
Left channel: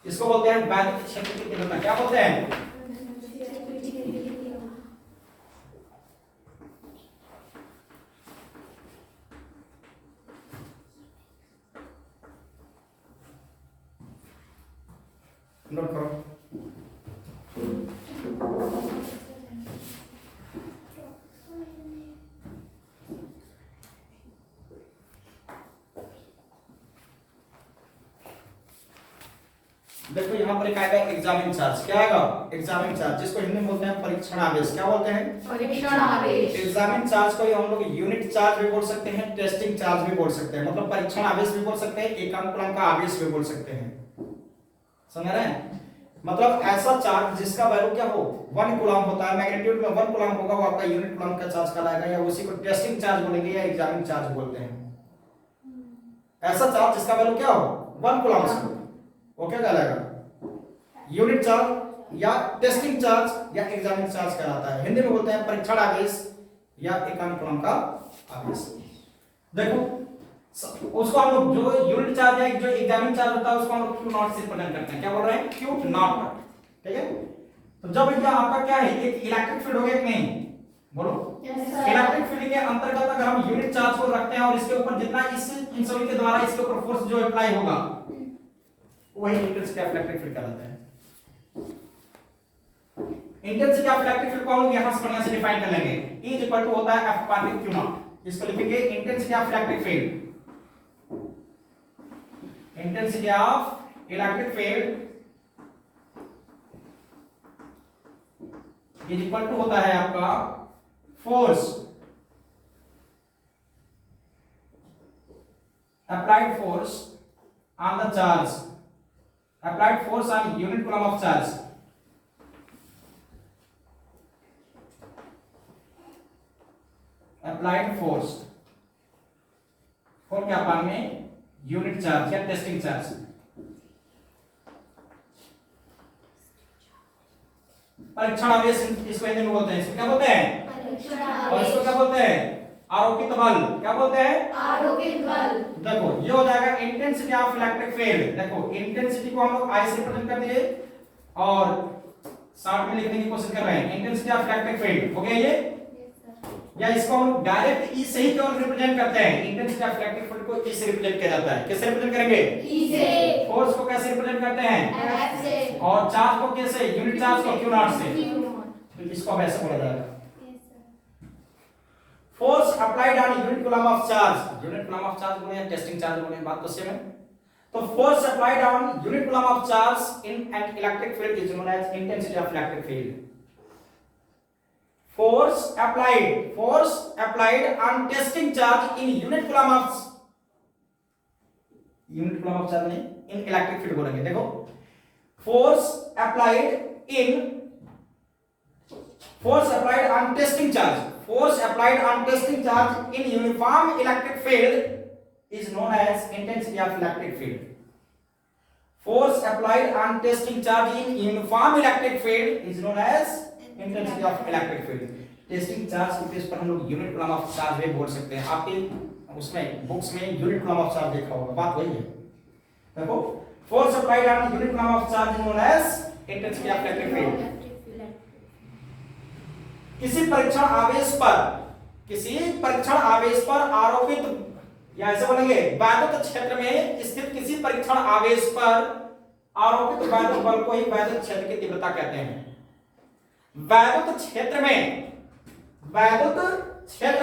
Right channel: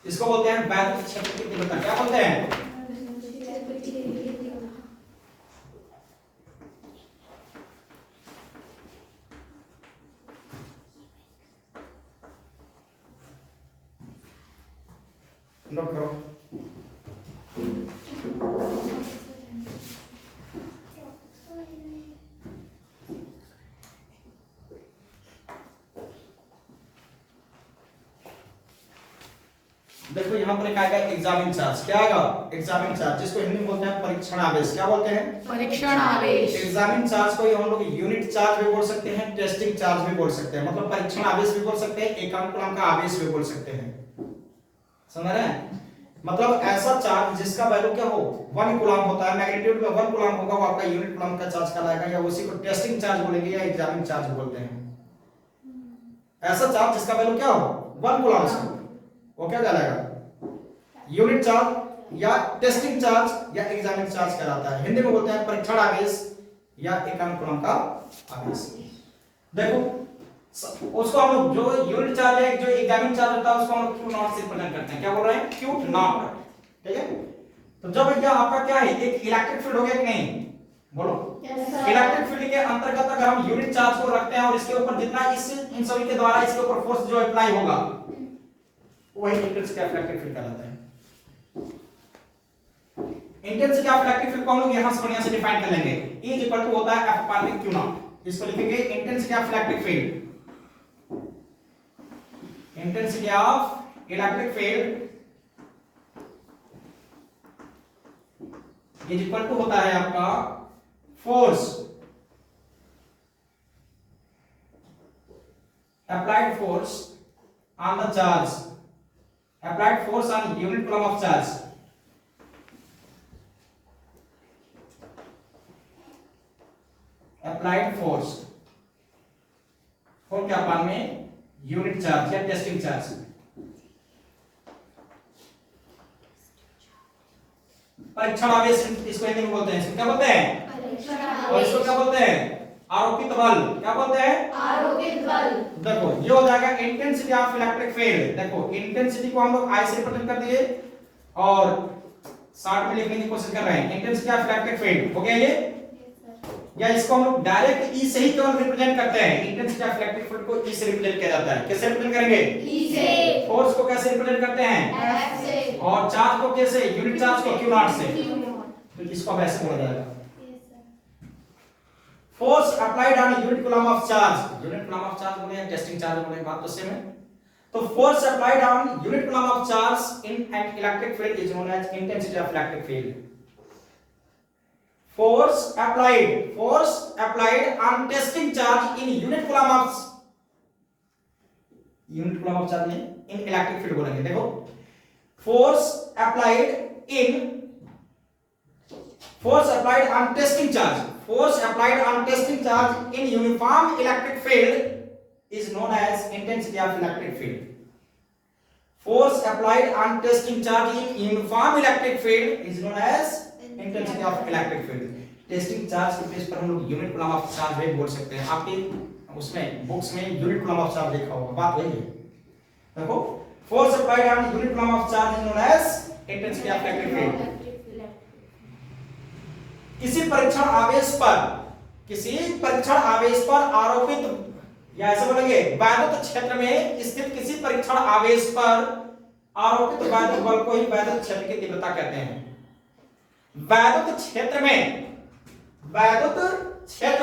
इसको बोलते हैं वैद्युत क्षेत्र की तीव्रता। क्या बोलते हैं? नोट करो। देखो यहां पर एक आएगा एग्जामिन चार्ज। क्या आएगा? एग्जामिन चार्ज, जिसको हिंदी में बोलते हैं परीक्षण आवेश। क्या बोलते हैं? परीक्षण आवेश। एग्जामिन चार्ज को हम लोग यूनिट चार्ज भी बोल सकते हैं, टेस्टिंग चार्ज भी बोल सकते हैं। मतलब परीक्षण आवेश भी बोल सकते हैं, एकांक का आवेश भी बोल सकते हैं। समझ रहे हैं? मतलब ऐसा चार्ज जिसका वैल्यू क्या हो 1 कूलम होता है, मैग्नीट्यूड में 1 कूलम होगा, वो आपका यूनिट कूलम का चार्ज कहलाएगा, या उसी को टेस्टिंग चार्ज बोलेंगे या एग्जामिन चार्ज बोलते हैं। ऐसा चार्ज जिसका वैल्यू क्या हो 1 कूलम से, वो क्या कहलाएगा? यूनिट चार्ज या टेस्टिंग चार्ज या एग्जामिन चार्ज कहलाता है। हिंदी में बोलते हैं परीक्षण आवेश या एकांक कूलम का आवेश। देखो उसको हम लोग जो यूनिट चार्ज है, जो एग्जामिन चार्ज होता है, उसको हम लोग क्यू नॉट से रिप्रेजेंट करते हैं। क्या बोल रहे हैं? Q not. ठीक है, तो जब भैया आपका क्या है, एक इलेक्ट्रिक फील्ड हो गया कि नहीं, बोलो। इलेक्ट्रिक फील्ड के अंतर्गत अगर हम यूनिट चार्ज को रखते हैं और इसके ऊपर जितना इन सभी के द्वारा इसके ऊपर फोर्स जो अप्लाई होगा, वही इंटेंसिटी ऑफ इलेक्ट्रिक फील्ड कहलाता है। इंटेंसिटी ऑफ इलेक्ट्रिक फील्ड को हम लोग यहां से बढ़िया से डिफाइन कर लेंगे। E इक्वल टू होता है F पाई क्यू नॉट। इसको लिखेंगे intensity of electric field. Intensity of electric field is equal to होता है आपका force applied force on the charge, applied force on unit coulomb of charge, applied force को क्या पान में यूनिट चार्ज या टेस्टिंग चार्ज। परीक्षण आवेश इसको हिंदी में बोलते हैं। इसको क्या बोलते हैं? और इसको क्या बोलते हैं? आरोपित बल। क्या बोलते हैं? आरोपित बल। देखो ये हो जाएगा इंटेंसिटी ऑफ इलेक्ट्रिक फील्ड। देखो इंटेंसिटी को हम लोग आई से रिप्रेजेंट कर दिए और शॉर्ट में लिखने की कोशिश कर रहे हैं। इंटेंसिटी ऑफ इलेक्ट्रिक फील्ड हो गया ये, या इसको हम लोग डायरेक्ट ई से ही केवल रिप्रेजेंट करते हैं। इंटेंसिटी ऑफ इलेक्ट्रिक फील्ड को ई से रिप्रेजेंट किया जाता है। कैसे रिप्रेजेंट करेंगे? ई से। फोर्स को कैसे रिप्रेजेंट करते हैं? एफ से। और चार्ज को कैसे? यूनिट चार्ज को क्यू नॉट से। तो इसको अब ऐसे बोला जाएगा force applied on unit coulomb of charge. Unit coulomb of charge बोले या टेस्टिंग चार्ज बोले, बात तो सेम है। तो force applied on unit coulomb of charge in an electric field is known as intensity of electric field. force applied on testing charge in unit coulomb of charge नहीं, in electric field बोलेंगे। देखो force applied on testing charge in uniform electric field is known as intensity of electric field. Force applied on testing charge in uniform electric field is known as intensity of electric field. Testing charge के base पर हम लोग unit coulomb of charge भी बोल सकते हैं। आपके उसमें बुक्स में यूनिट कूलम ऑफ चार्ज देखा होगा, बात वही है। देखो force applied on unit coulomb of charge is known as intensity of electric field. किसी परीक्षण आवेश पर आरोपित, या ऐसे बोलेंगे वैद्युत क्षेत्र में स्थित किसी परीक्षण आवेश पर आरोपित वैद्युत बल को ही वैद्युत क्षेत्र की तीव्रता कहते हैं। वैद्युत क्षेत्र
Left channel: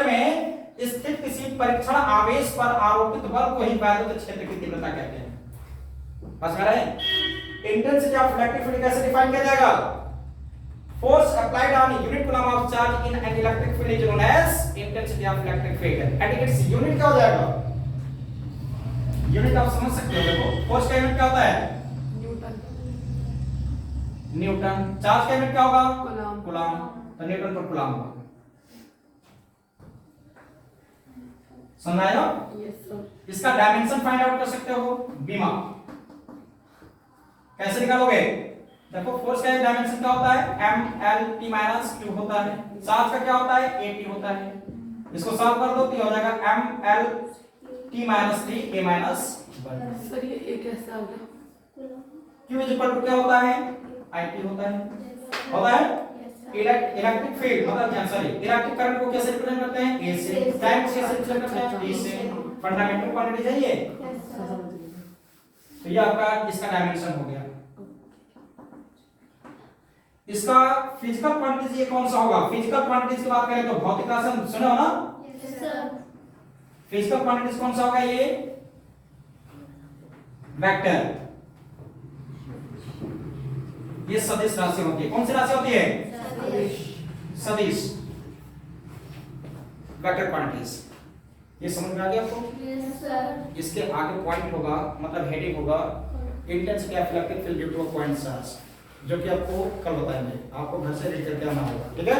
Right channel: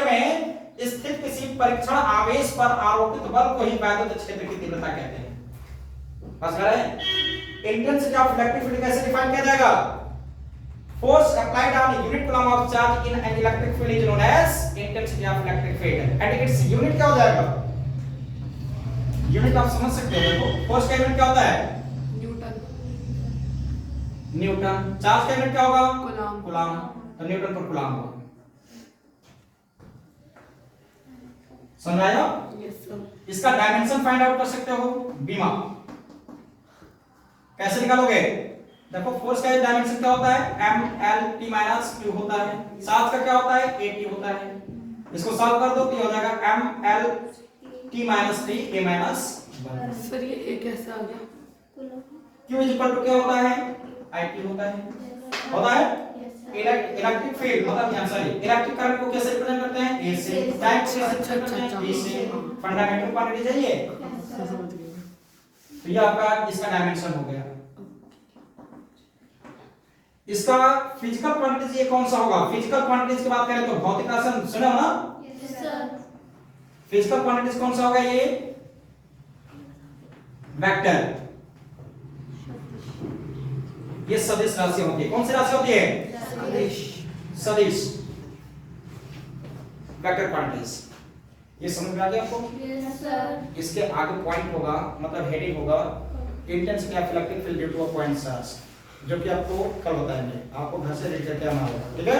में स्थित किसी परीक्षण आवेश पर आरोपित बल को ही वैद्युत क्षेत्र की तीव्रता कहते हैं। समझ गए? इंटेंसिटी ऑफ इलेक्ट्रिक फील्ड कैसे डिफाइन किया जाएगा? Force applied on unit coulomb of charge in an electric field is known as intensity of electric field and its unit क्या हो जाएगा? यूनिट आप समझ सकते हो। देखो फोर्स का यूनिट क्या होता है? Newton, Newton. चार्ज का यूनिट क्या होगा? Coulomb, coulomb. तो न्यूटन पर कूलम होगा। समझ आया? Yes sir. इसका डायमेंशन फाइंड आउट कर सकते हो बीमा। कैसे निकालोगे? देखो फोर्स का डायमेंशन क्या होता है? mlt-2 होता है। चार्ज का क्या होता है? at होता है। इसको सॉल्व कर दो तो ये हो जाएगा mlt-3 a-1। सर ये कैसे आ गया? q क्या होता है? it होता है। होता है इलेक्ट्रिक फील्ड मतलब यहाँ सॉरी इलेक्ट्रिक करंट को कैसे रिप्रेजेंट करते हैं? a से। टाइम से कैसे रिप्रेजेंट करते हैं? b से। फंडामेंटल क्वांटिटी चाहिए तो ये आपका इसका डायमेंशन हो गया। इसका फिजिकल क्वांटिटीज ये कौन सा होगा? फिजिकल क्वांटिटीज की बात करें तो भौतिक राशि सुने हो ना? फिजिकल क्वांटिटीज कौन सा होगा? ये वेक्टर, ये सदिश राशि होती है। कौन सी राशि होती है? सदिश वेक्टर क्वांटिटीज। ये समझ में आ गया आपको? इसके आगे पॉइंट होगा मतलब हेडिंग होगा intense electric field due to a point charge, जो कि आपको कल बताएंगे। आपको घर से रीड करके आना होगा, ठीक है?